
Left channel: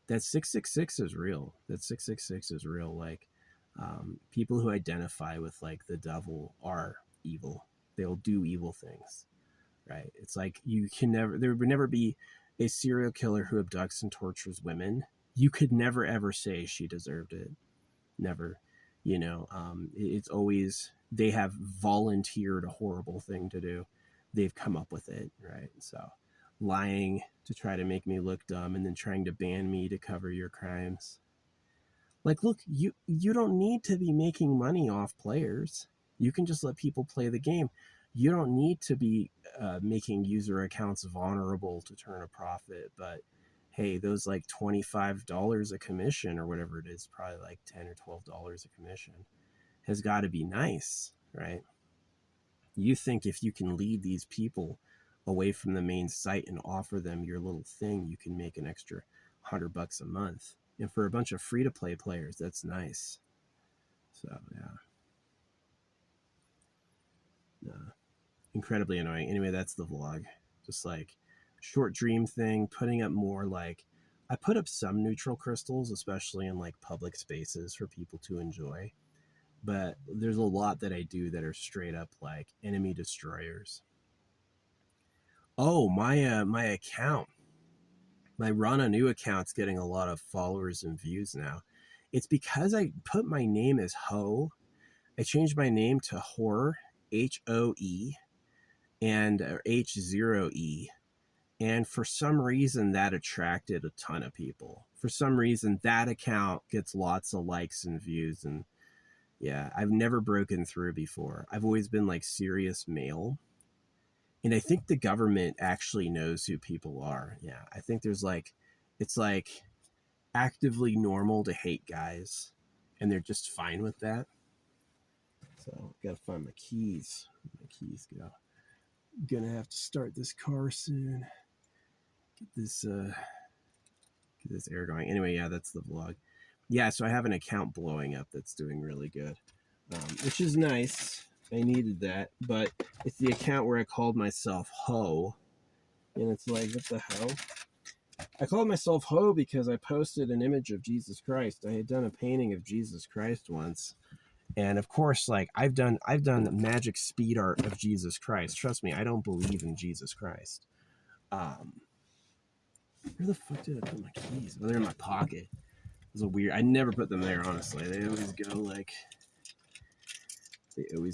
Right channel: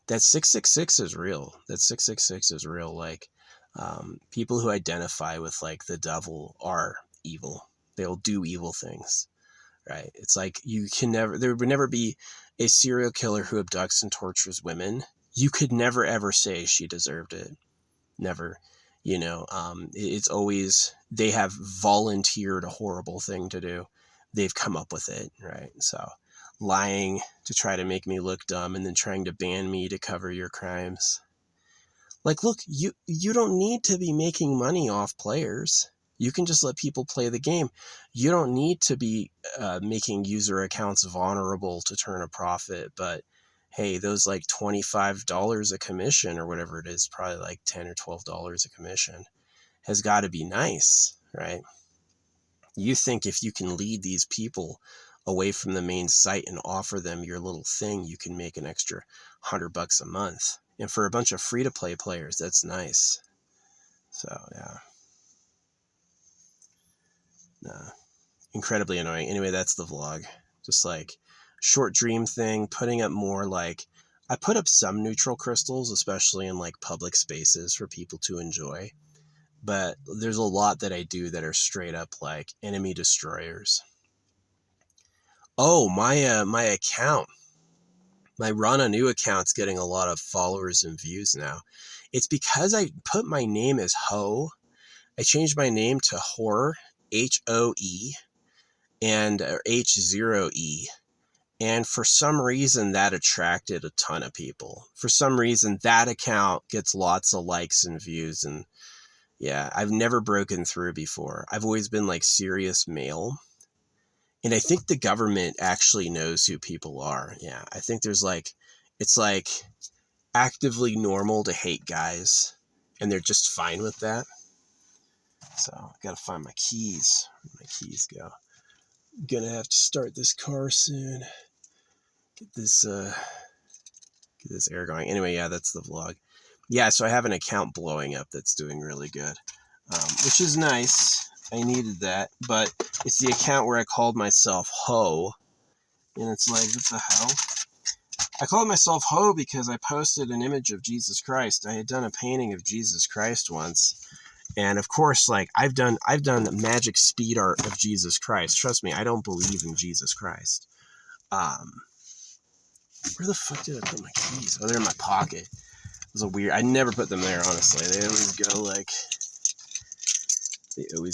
That 666 is real. Like, people who identify with like the devil are evil. They'll do evil things, right? It's like there would never be a serial killer who abducts and tortures women. You could never ever say she deserved it. Never. It's always they have volunteered a horrible thing to do. They've come up with it, right? So lying to try to make me look dumb and then trying to ban me to cover your crimes. Like, look, you don't need to be making money off players. You can just let people play the game. You don't need to be making user accounts vulnerable to turn a profit. But hey, those like $25 a commission or whatever it is, probably like $10 or $12 a commission, has got to be nice, right? You think if you can lead these people away from the main site and offer them your little thing, you can make an extra $100 a month. And for a bunch of free-to-play players, that's nice. So, yeah. Nah. Incredibly annoying. Anyway, that's the vlog. Just like short dream thing, putting up more like, I put up some neutral crystals, especially in like public spaces for people to enjoy. But there's a lot that I do that are straight up like enemy destroyers. Oh, my account. My Rana New account's getting a lot of followers and views now. It's because I put my name as Ho. I changed my name to Horror, H-O-E, and H0E. And for some reason, that attracted a ton of people. For some reason, that account gets lots of likes and views. And yeah, I've never broken through before. I've always been like serious male. And I think the government actually knows who people are. Yeah, I think there's like, it's like actively normal to hate guys. And they're just fine with that. So I gotta find my keys. Where'd my keys go? I'm gonna have to start this car soon. Get this air going. Anyway, yeah, that's the vlog. Yeah, so I have an account blowing up that's doing really good, which is nice. I needed that, but it's the account where I called myself Ho, and it's like, what the hell? I called myself Ho because I posted an image of Jesus Christ. I had done a painting of Jesus Christ once, And of course, like I've done the magic speed art of Jesus Christ. Trust me, I don't believe in Jesus Christ. Where the fuck did I put my keys? Oh, they're in my pocket. It was a weird. I never put them there, honestly. They always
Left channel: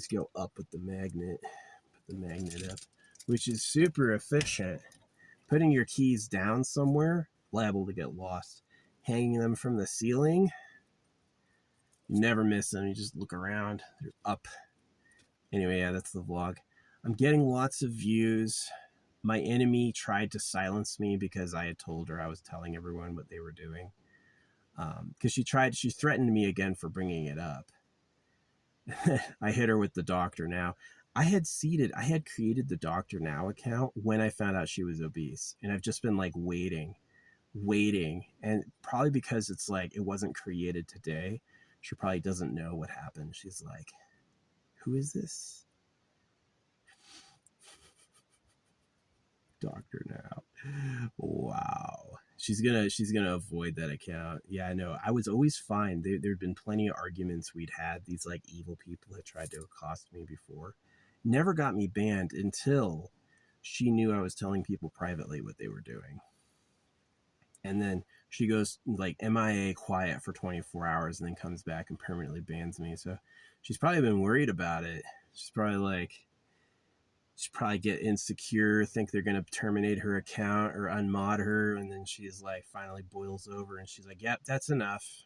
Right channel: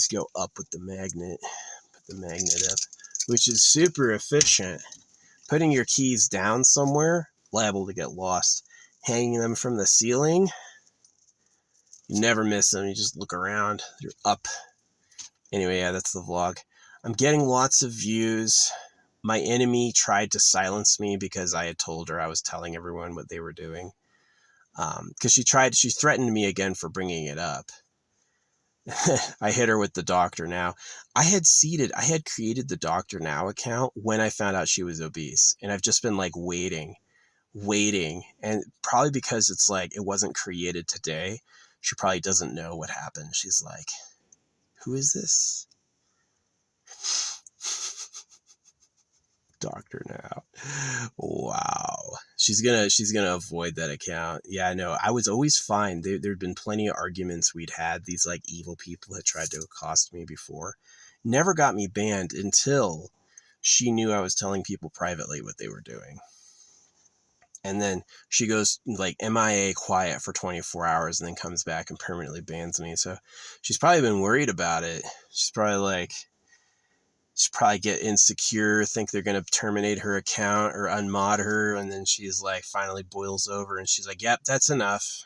go up with the magnet. Put the magnet up, which is super efficient. Putting your keys down somewhere, liable to get lost. Hanging them from the ceiling, you never miss them. You just look around. They're up. Anyway, yeah, that's the vlog. I'm getting lots of views. My enemy tried to silence me because I had told her I was telling everyone what they were doing. Because she threatened me again for bringing it up. I hit her with the Doctor Now. I had created the Doctor Now account when I found out she was obese. And I've just been like waiting. And probably because it's like, it wasn't created today. She probably doesn't know what happened. She's like, who is this? Doctor Now. Wow. She's gonna avoid that account. Yeah, I know. I was always fine. There'd been plenty of arguments we'd had. These like evil people had tried to accost me before. Never got me banned until she knew I was telling people privately what they were doing. And then she goes like MIA quiet for 24 hours and then comes back and permanently bans me. So she's probably been worried about it. She's probably get insecure, think they're going to terminate her account or unmod her. And then she's like, finally boils over and she's like, yep, that's enough.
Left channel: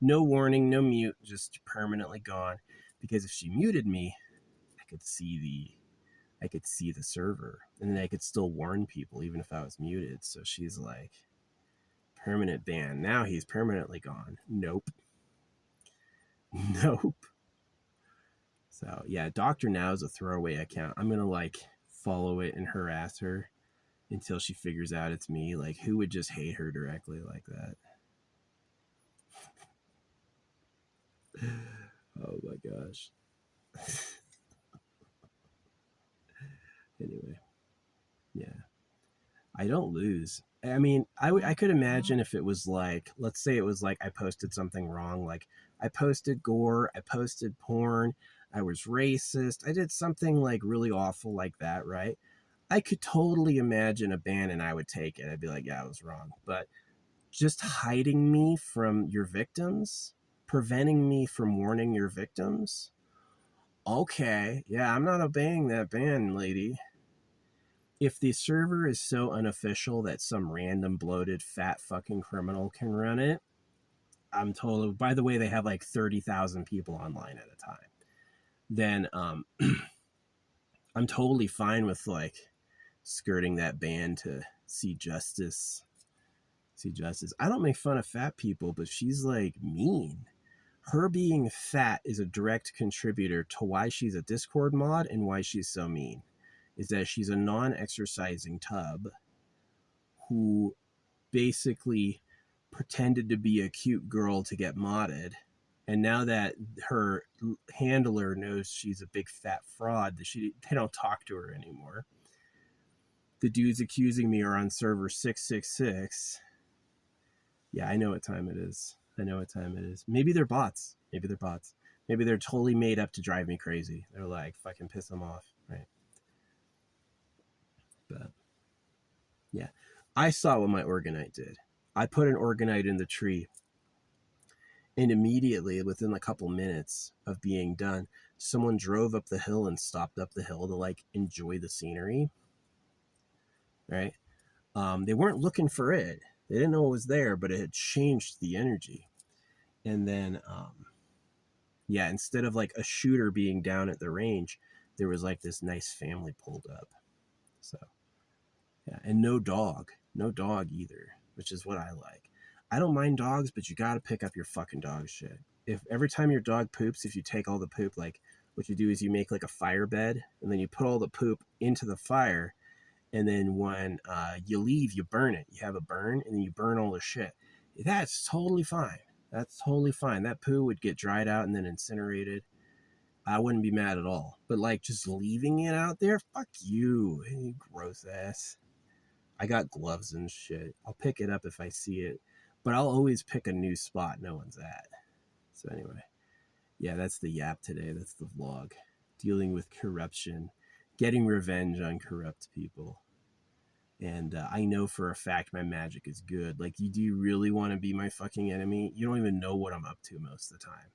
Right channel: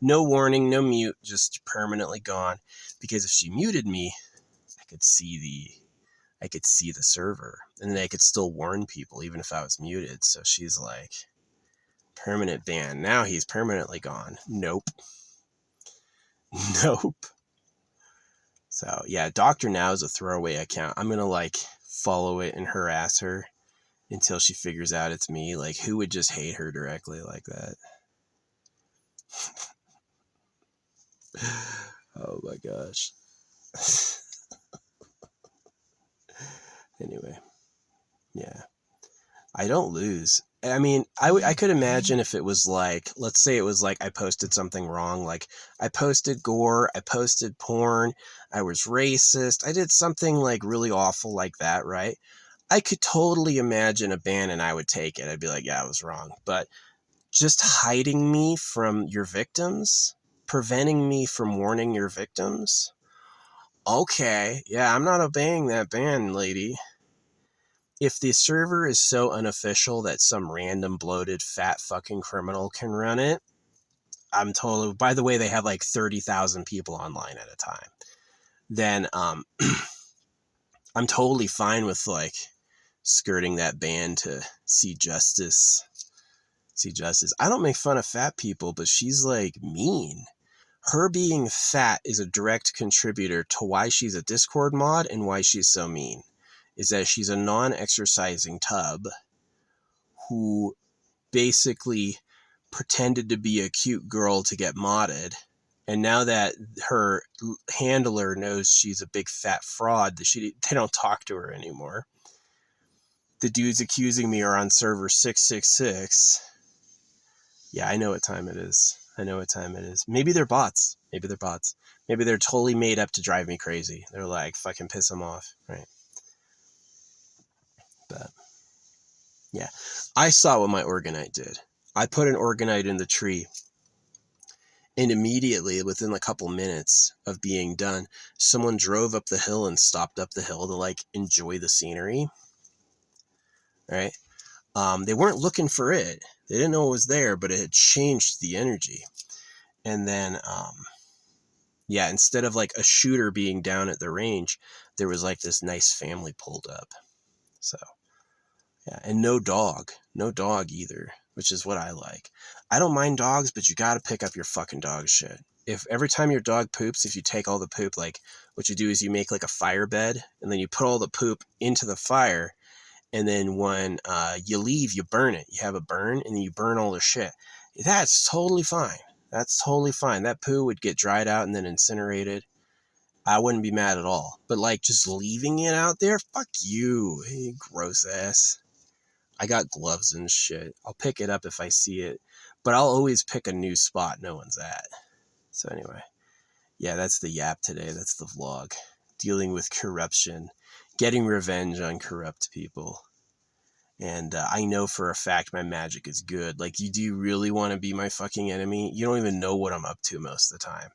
No warning, no mute, just permanently gone. Because if she muted me, I could see the server and then I could still warn people even if I was muted. So she's like, permanent ban. Now he's permanently gone. Nope. So yeah, Doctor Now is a throwaway account. I'm gonna like follow it and harass her until she figures out it's me. Like, who would just hate her directly like that? Oh my gosh. Anyway, yeah, I don't lose. I mean, I could imagine if it was like, let's say it was like I posted something wrong, like I posted gore, I posted porn, I was racist, I did something like really awful like that, right? I could totally imagine a ban and I would take it. I'd be like, yeah, I was wrong. But just hiding me from your victims, preventing me from warning your victims. Okay, yeah, I'm not obeying that ban, lady. If the server is so unofficial that some random bloated fat fucking criminal can run it, I'm totally, by the way, they have like 30,000 people online at a time. Then I'm totally fine with like skirting that ban to see justice. I don't make fun of fat people, but she's like mean. Her being fat is a direct contributor to why she's a Discord mod and why she's so mean. Is that she's a non-exercising tub who basically pretended to be a cute girl to get modded. And now that her handler knows she's a big fat fraud, they don't talk to her anymore. The dudes accusing me are on server 666. Yeah, I know what time it is. Maybe they're bots. Maybe they're totally made up to drive me crazy. They're like, fucking piss them off, right? But yeah, I saw what my orgonite did. I put an orgonite in the tree, and immediately, within a couple minutes of being done, someone drove up the hill and stopped up the hill to like enjoy the scenery. Right? They weren't looking for it. They didn't know it was there, but it had changed the energy. And then, yeah, instead of like a shooter being down at the range, there was like this nice family pulled up. So, yeah, and no dog either, which is what I like. I don't mind dogs, but you got to pick up your fucking dog shit. If every time your dog poops, if you take all the poop, like what you do is you make like a fire bed and then you put all the poop into the fire. And then when you leave, you burn it. You have a burn and then you burn all the shit. That's totally fine. That poo would get dried out and then incinerated. I wouldn't be mad at all. But like just leaving it out there, fuck you. Hey, gross ass. I got gloves and shit. I'll pick it up if I see it. But I'll always pick a new spot no one's at. So anyway. Yeah, that's the yap today. That's the vlog. Dealing with corruption, getting revenge on corrupt people. And I know for a fact my magic is good. Like, do you really want to be my fucking enemy? You don't even know what I'm up to most of the time.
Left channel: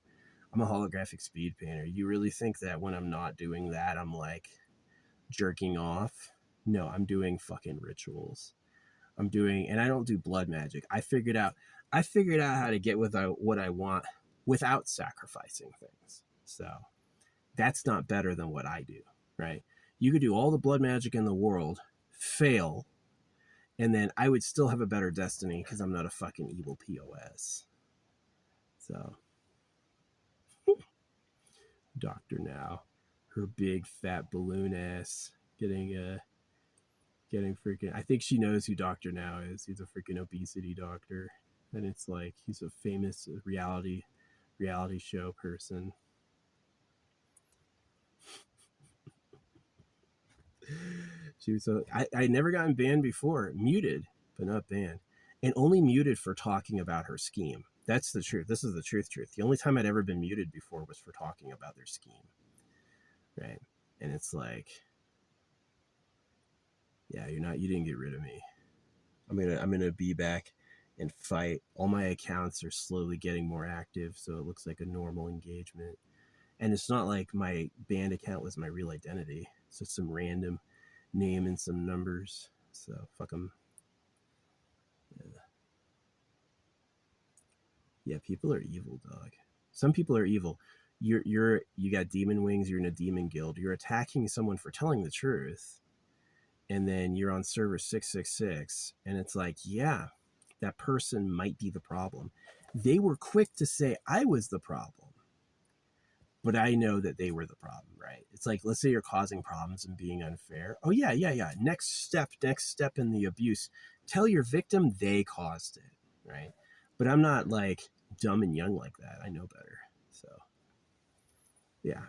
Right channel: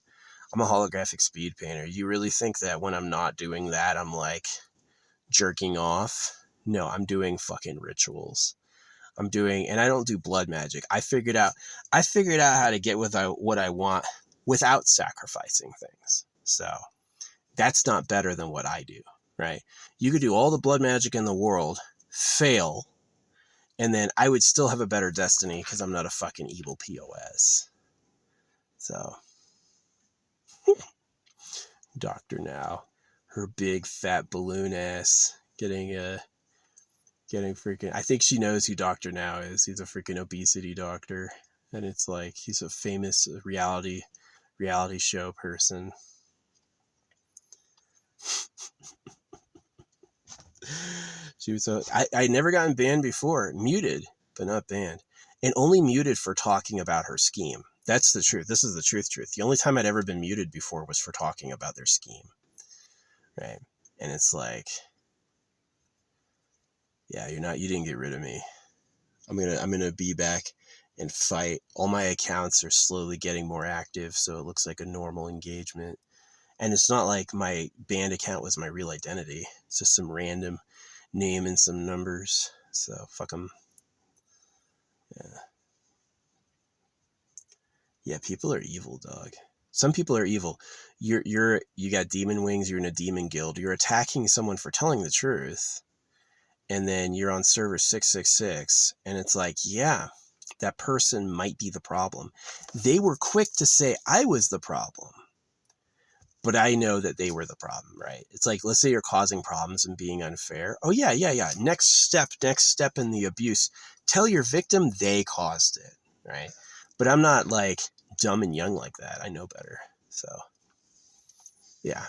I'm a holographic speed painter. You really think that when I'm not doing that, I'm like jerking off? No, I'm doing fucking rituals. And I don't do blood magic. I figured out how to get what I want without sacrificing things. So that's not better than what I do, right? You could do all the blood magic in the world, fail, and then I would still have a better destiny because I'm not a fucking evil POS. So, Doctor Now, her big fat balloon ass getting freaking. I think she knows who Doctor Now is. He's a freaking obesity doctor, and it's like he's a famous reality show person. She was I never gotten banned before, muted, but not banned, and only muted for talking about her scheme. That's the truth. This is the truth. The only time I'd ever been muted before was for talking about their scheme, right? And it's like, yeah, you didn't get rid of me. I'm gonna be back and fight. All my accounts are slowly getting more active, so it looks like a normal engagement. And it's not like my band account was my real identity. It's just some random name and some numbers. So fuck them. Yeah, people are evil, dog. Some people are evil. You got demon wings. You're in a demon guild. You're attacking someone for telling the truth, and then you're on server 666, and it's like, yeah, that person might be the problem. They were quick to say I was the problem, but I know that they were the problem, right? It's like, let's say you're causing problems and being unfair. Oh yeah. Next step in the abuse. Tell your victim they caused it, right? But I'm not like dumb and young like that. I know better. So yeah,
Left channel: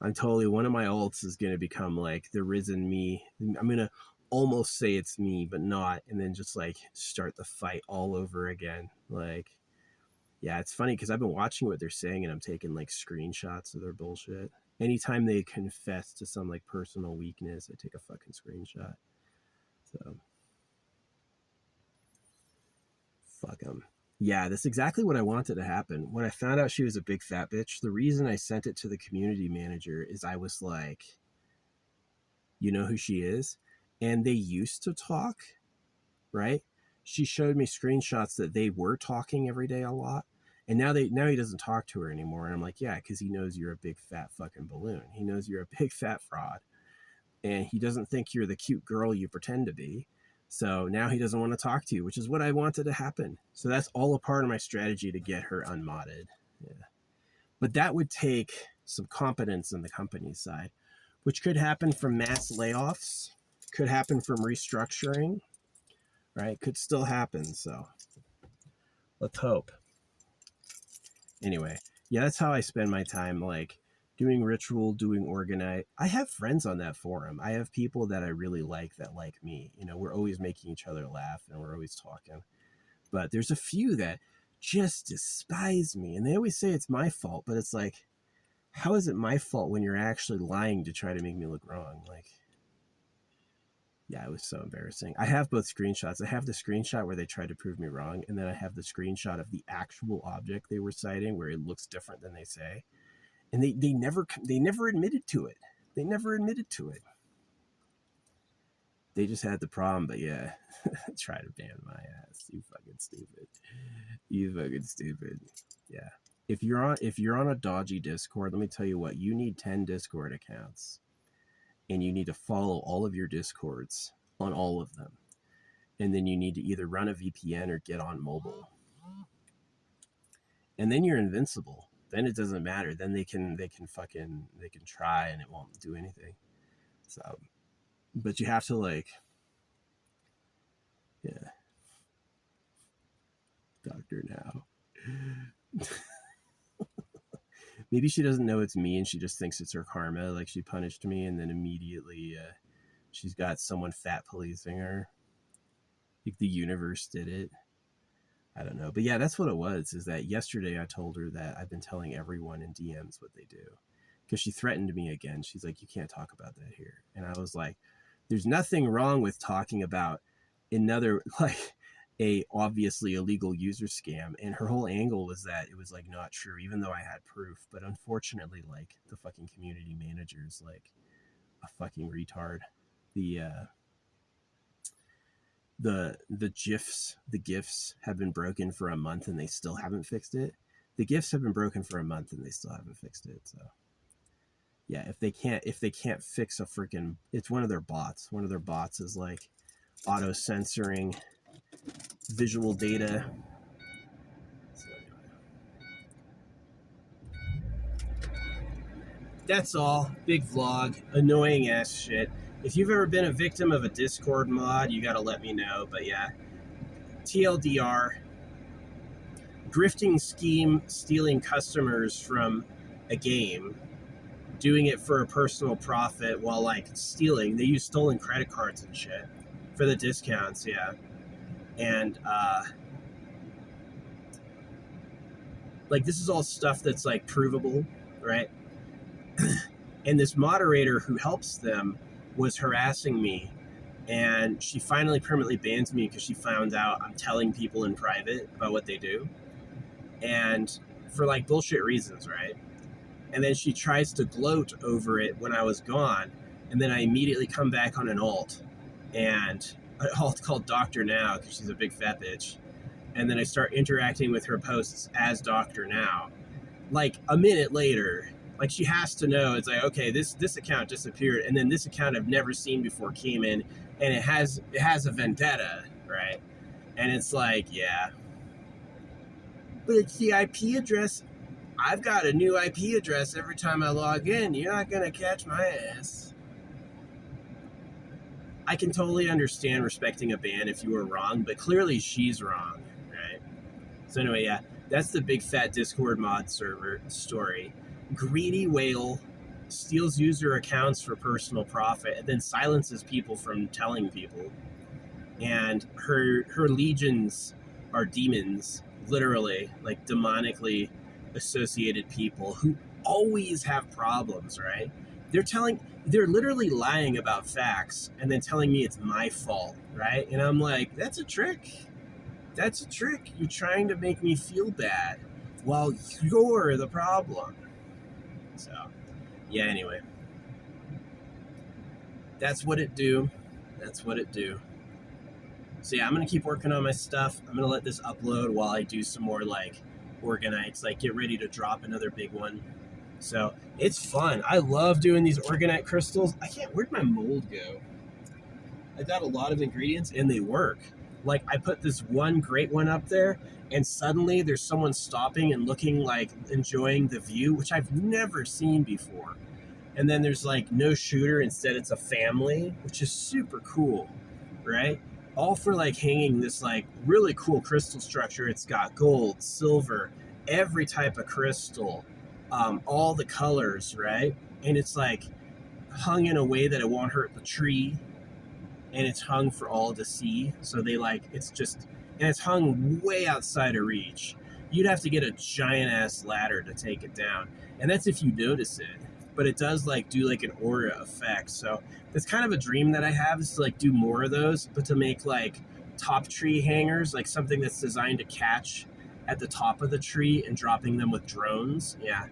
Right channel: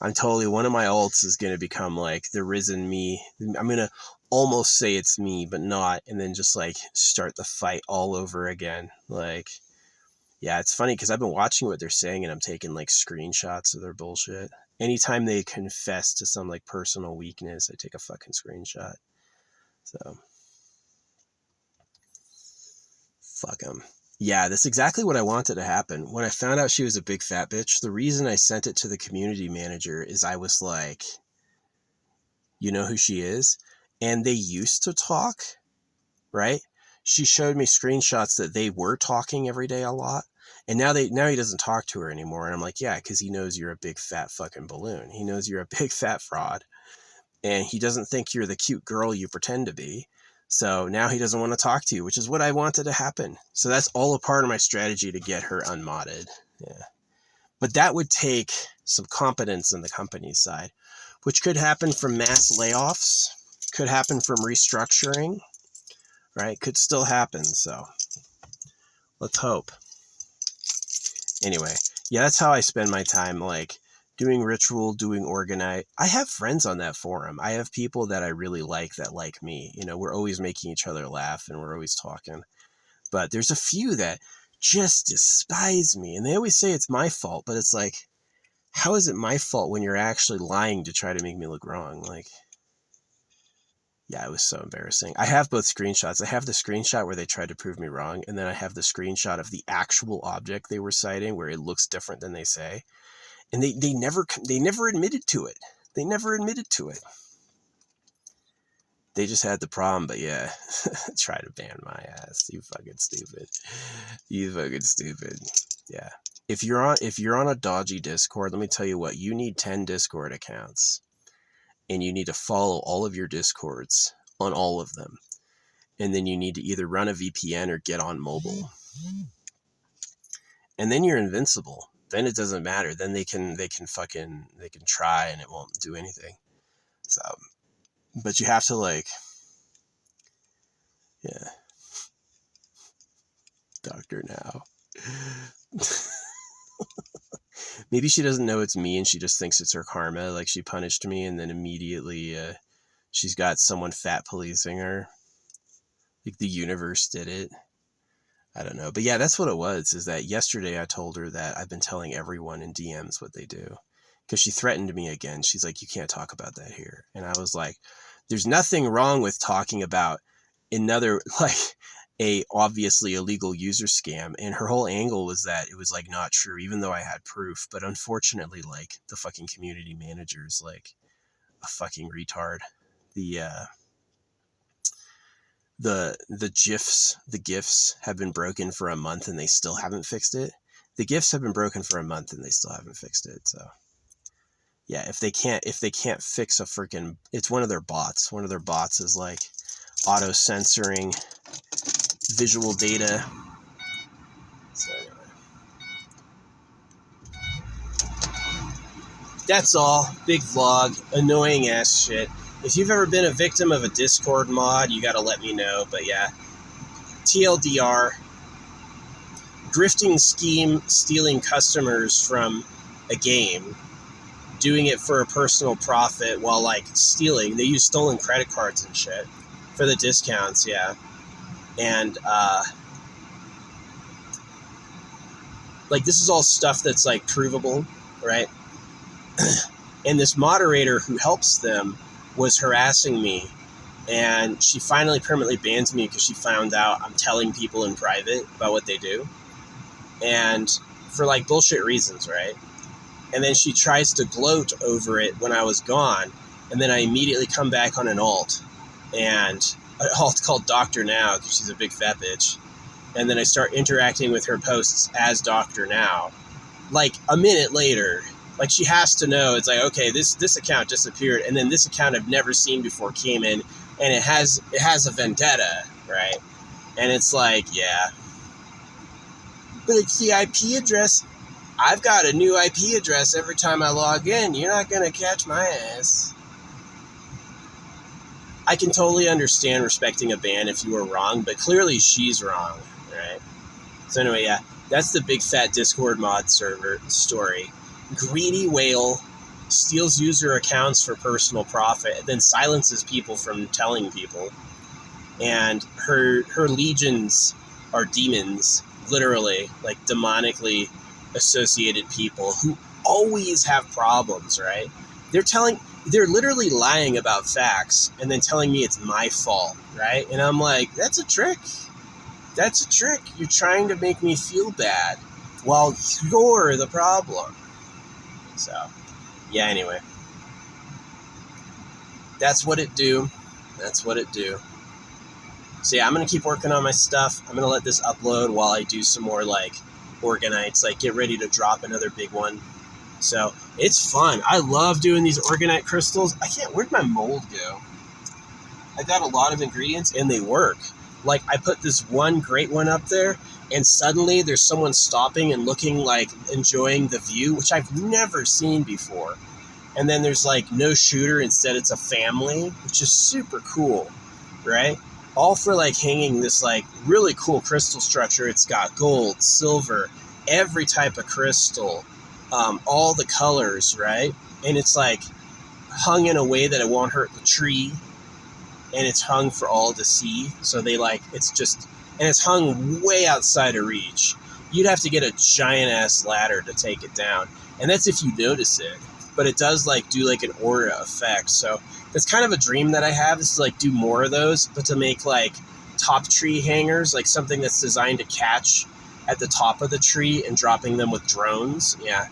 I'm totally one of my alts is going to become like the risen me. I'm going to almost say it's me, but not. And then just like start the fight all over again. Like, yeah, it's funny because I've been watching what they're saying and I'm taking like screenshots of their bullshit. Anytime they confess to some like personal weakness, I take a fucking screenshot. So fuck them. Yeah, that's exactly what I wanted to happen. When I found out she was a big fat bitch, the reason I sent it to the community manager is I was like, you know who she is? And they used to talk, right? She showed me screenshots that they were talking every day a lot. And now he doesn't talk to her anymore. And I'm like, yeah, because he knows you're a big fat fucking balloon. He knows you're a big fat fraud. And he doesn't think you're the cute girl you pretend to be. So now he doesn't want to talk to you, which is what I wanted to happen. So that's all a part of my strategy to get her unmodded. Yeah. But that would take some competence in the company's side, which could happen from mass layoffs, could happen from restructuring, right? Could still happen. So let's hope. Anyway, yeah, that's how I spend my time, like doing ritual, doing orgonite. I have friends on that forum. I have people that I really that like me. You know, we're always making each other laugh and we're always talking. But there's a few that just despise me. And they always say it's my fault. But it's like, how is it my fault when you're actually lying to try to make me look wrong? Like, yeah, it was so embarrassing. I have both screenshots. I have the screenshot where they tried to prove me wrong. And then I have the screenshot of the actual object they were citing where it looks different than they say. And they never admitted to it. They never admitted to it. They just had the problem, but yeah, try to ban my ass. You fucking stupid. You fucking stupid. Yeah. If you're on a dodgy Discord, let me tell you what, you need 10 Discord accounts. And you need to follow all of your Discords on all of them. And then you need to either run a VPN or get on mobile. And then you're invincible. Then it doesn't matter. Then they can try and it won't do anything. So, but you have to like, yeah. Doctor Now. Maybe she doesn't know it's me and she just thinks it's her karma. Like she punished me and then immediately she's got someone fat policing her. Like the universe did it. I don't know. But yeah, that's what it was, is that yesterday I told her that I've been telling everyone in DMs what they do. Because she threatened me again. She's like, you can't talk about that here. And I was like, there's nothing wrong with talking about another, like, a obviously illegal user scam. And her whole angle was that it was like not true, even though I had proof. But unfortunately, like, the fucking community manager's like a fucking retard. The GIFs have been broken for a month and they still haven't fixed it. The GIFs have been broken for a month and they still haven't fixed it. So yeah, if they can't fix a freaking, it's one of their bots. One of their bots is like auto censoring visual data. So anyway, that's all. Big vlog, annoying ass shit. If you've ever been a victim of a Discord mod, you gotta let me know. But yeah, TLDR, grifting scheme, stealing customers from a game, doing it for a personal profit while like stealing. They use stolen credit cards and shit for the discounts, yeah. And like this is all stuff that's like provable, right? And this moderator who helps them was harassing me, and she finally permanently banned me because she found out I'm telling people in private about what they do, and for like bullshit reasons, right? And then she tries to gloat over it when I was gone, and then I immediately come back on an alt, and an alt called Dr. Now because she's a big fat bitch, and then I start interacting with her posts as Dr. Now. Like a minute later, like she has to know, it's like, okay, this account disappeared, and then this account I've never seen before came in, and it has a vendetta, right? And it's like, yeah, but it's the IP address. I've got a new IP address every time I log in. You're not gonna catch my ass. I can totally understand respecting a ban if you were wrong, but clearly she's wrong, right? So anyway, yeah, that's the big fat Discord mod server story. Greedy whale steals user accounts for personal profit and then silences people from telling people. And her legions are demons, literally, like demonically associated people who always have problems, right? They're literally lying about facts and then telling me it's my fault, right? And I'm like, that's a trick. That's a trick. You're trying to make me feel bad while you're the problem. So, yeah, anyway. That's what it do. That's what it do. So yeah, I'm going to keep working on my stuff. I'm going to let this upload while I do some more like orgonites, like get ready to drop another big one. So it's fun. I love doing these orgonite crystals. Where'd my mold go? I got a lot of ingredients and they work. Like I put this one great one up there and suddenly there's someone stopping and looking like enjoying the view, which I've never seen before. And then there's like no shooter, instead it's a family, which is super cool, right? All for like hanging this like really cool crystal structure. It's got gold, silver, every type of crystal, all the colors, right? And it's like hung in a way that it won't hurt the tree, and it's hung for all to see. So they like, it's just, and it's hung way outside of reach. You'd have to get a giant ass ladder to take it down, and that's if you notice it. But it does like do like an aura effect. So that's kind of a dream that I have, is to like do more of those, but to make like top tree hangers, like something that's designed to catch at the top of the tree and dropping them with drones. Yeah.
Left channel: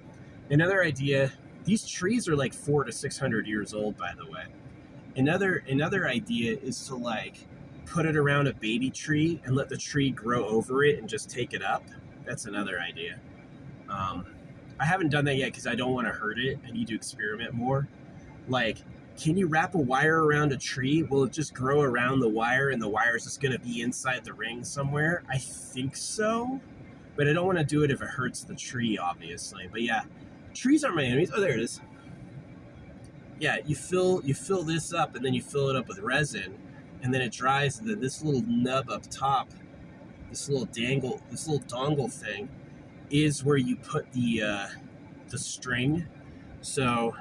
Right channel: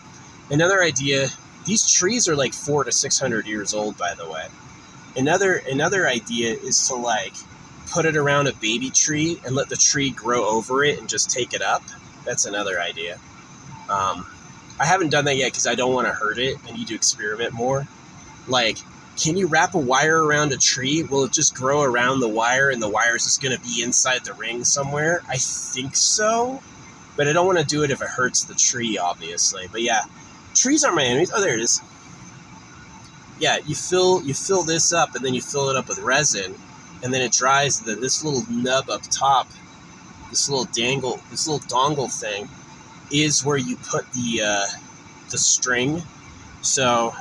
Another idea, these trees are like 400 to 600 years old, by the way. Another idea is to like put it around a baby tree and let the tree grow over it and just take it up. That's another idea. I haven't done that yet because I don't want to hurt it. I need to experiment more. Like, can you wrap a wire around a tree? Will it just grow around the wire and the wire is just going to be inside the ring somewhere? I think so, but I don't want to do it if it hurts the tree, obviously. But yeah, trees are my enemies. Oh, there it is. Yeah, you fill this up and then you fill it up with resin, and then it dries. And then this little nub up top, this little dongle thing, is where you put the string. So,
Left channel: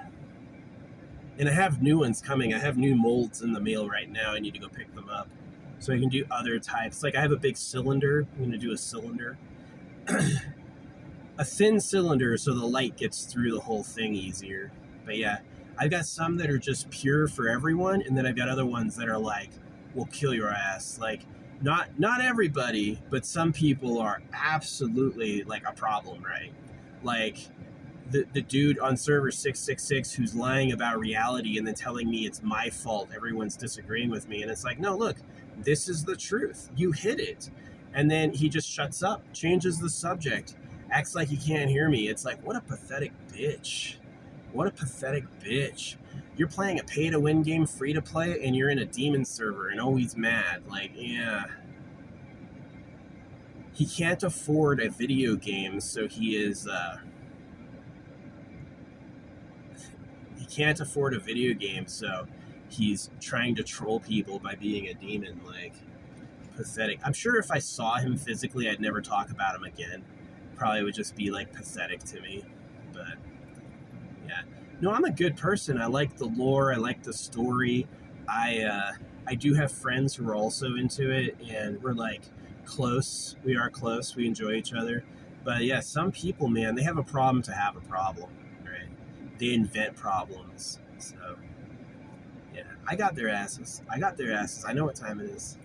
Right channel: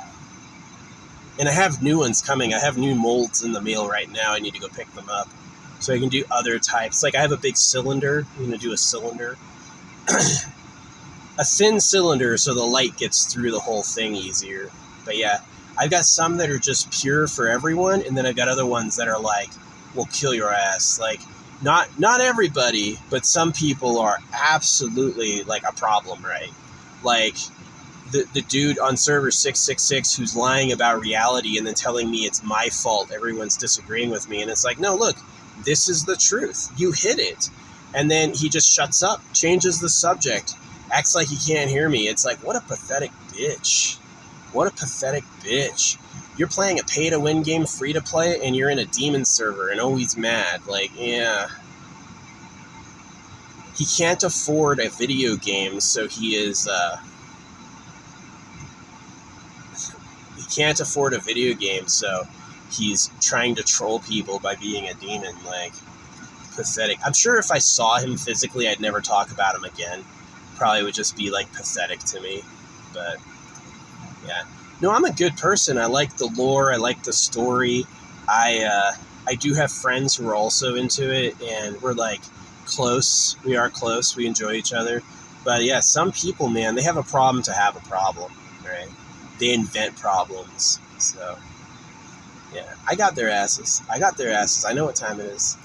and I have new ones coming. I have new molds in the mail right now. I need to go pick them up. So I can do other types. Like I have a big cylinder. I'm going to do a cylinder. A thin cylinder so the light gets through the whole thing easier. But yeah, I've got some that are just pure for everyone, and then I've got other ones that are like, will kill your ass. Like, not everybody, but some people are absolutely like a problem, right? Like the dude on server 666 who's lying about reality and then telling me it's my fault, everyone's disagreeing with me, and it's like, no, look, this is the truth. You hit it. And then he just shuts up, changes the subject, acts like he can't hear me. It's like, what a pathetic bitch. What a pathetic bitch. You're playing a pay-to-win game free to play, and you're in a demon server, and oh, he's mad. Like, yeah. He can't afford a video game, so he can't afford a video game, so he's trying to troll people by being a demon. Like, pathetic. I'm sure if I saw him physically, I'd never talk about him again. Probably would just be like pathetic to me. But yeah, no, I'm a good person. I like the lore. I like the story. I do have friends who are also into it, and we're like close. We are close. We enjoy each other. But yeah, some people, man, they have a problem to have a problem, right? They invent problems. So yeah, I got their asses. I know what time it is.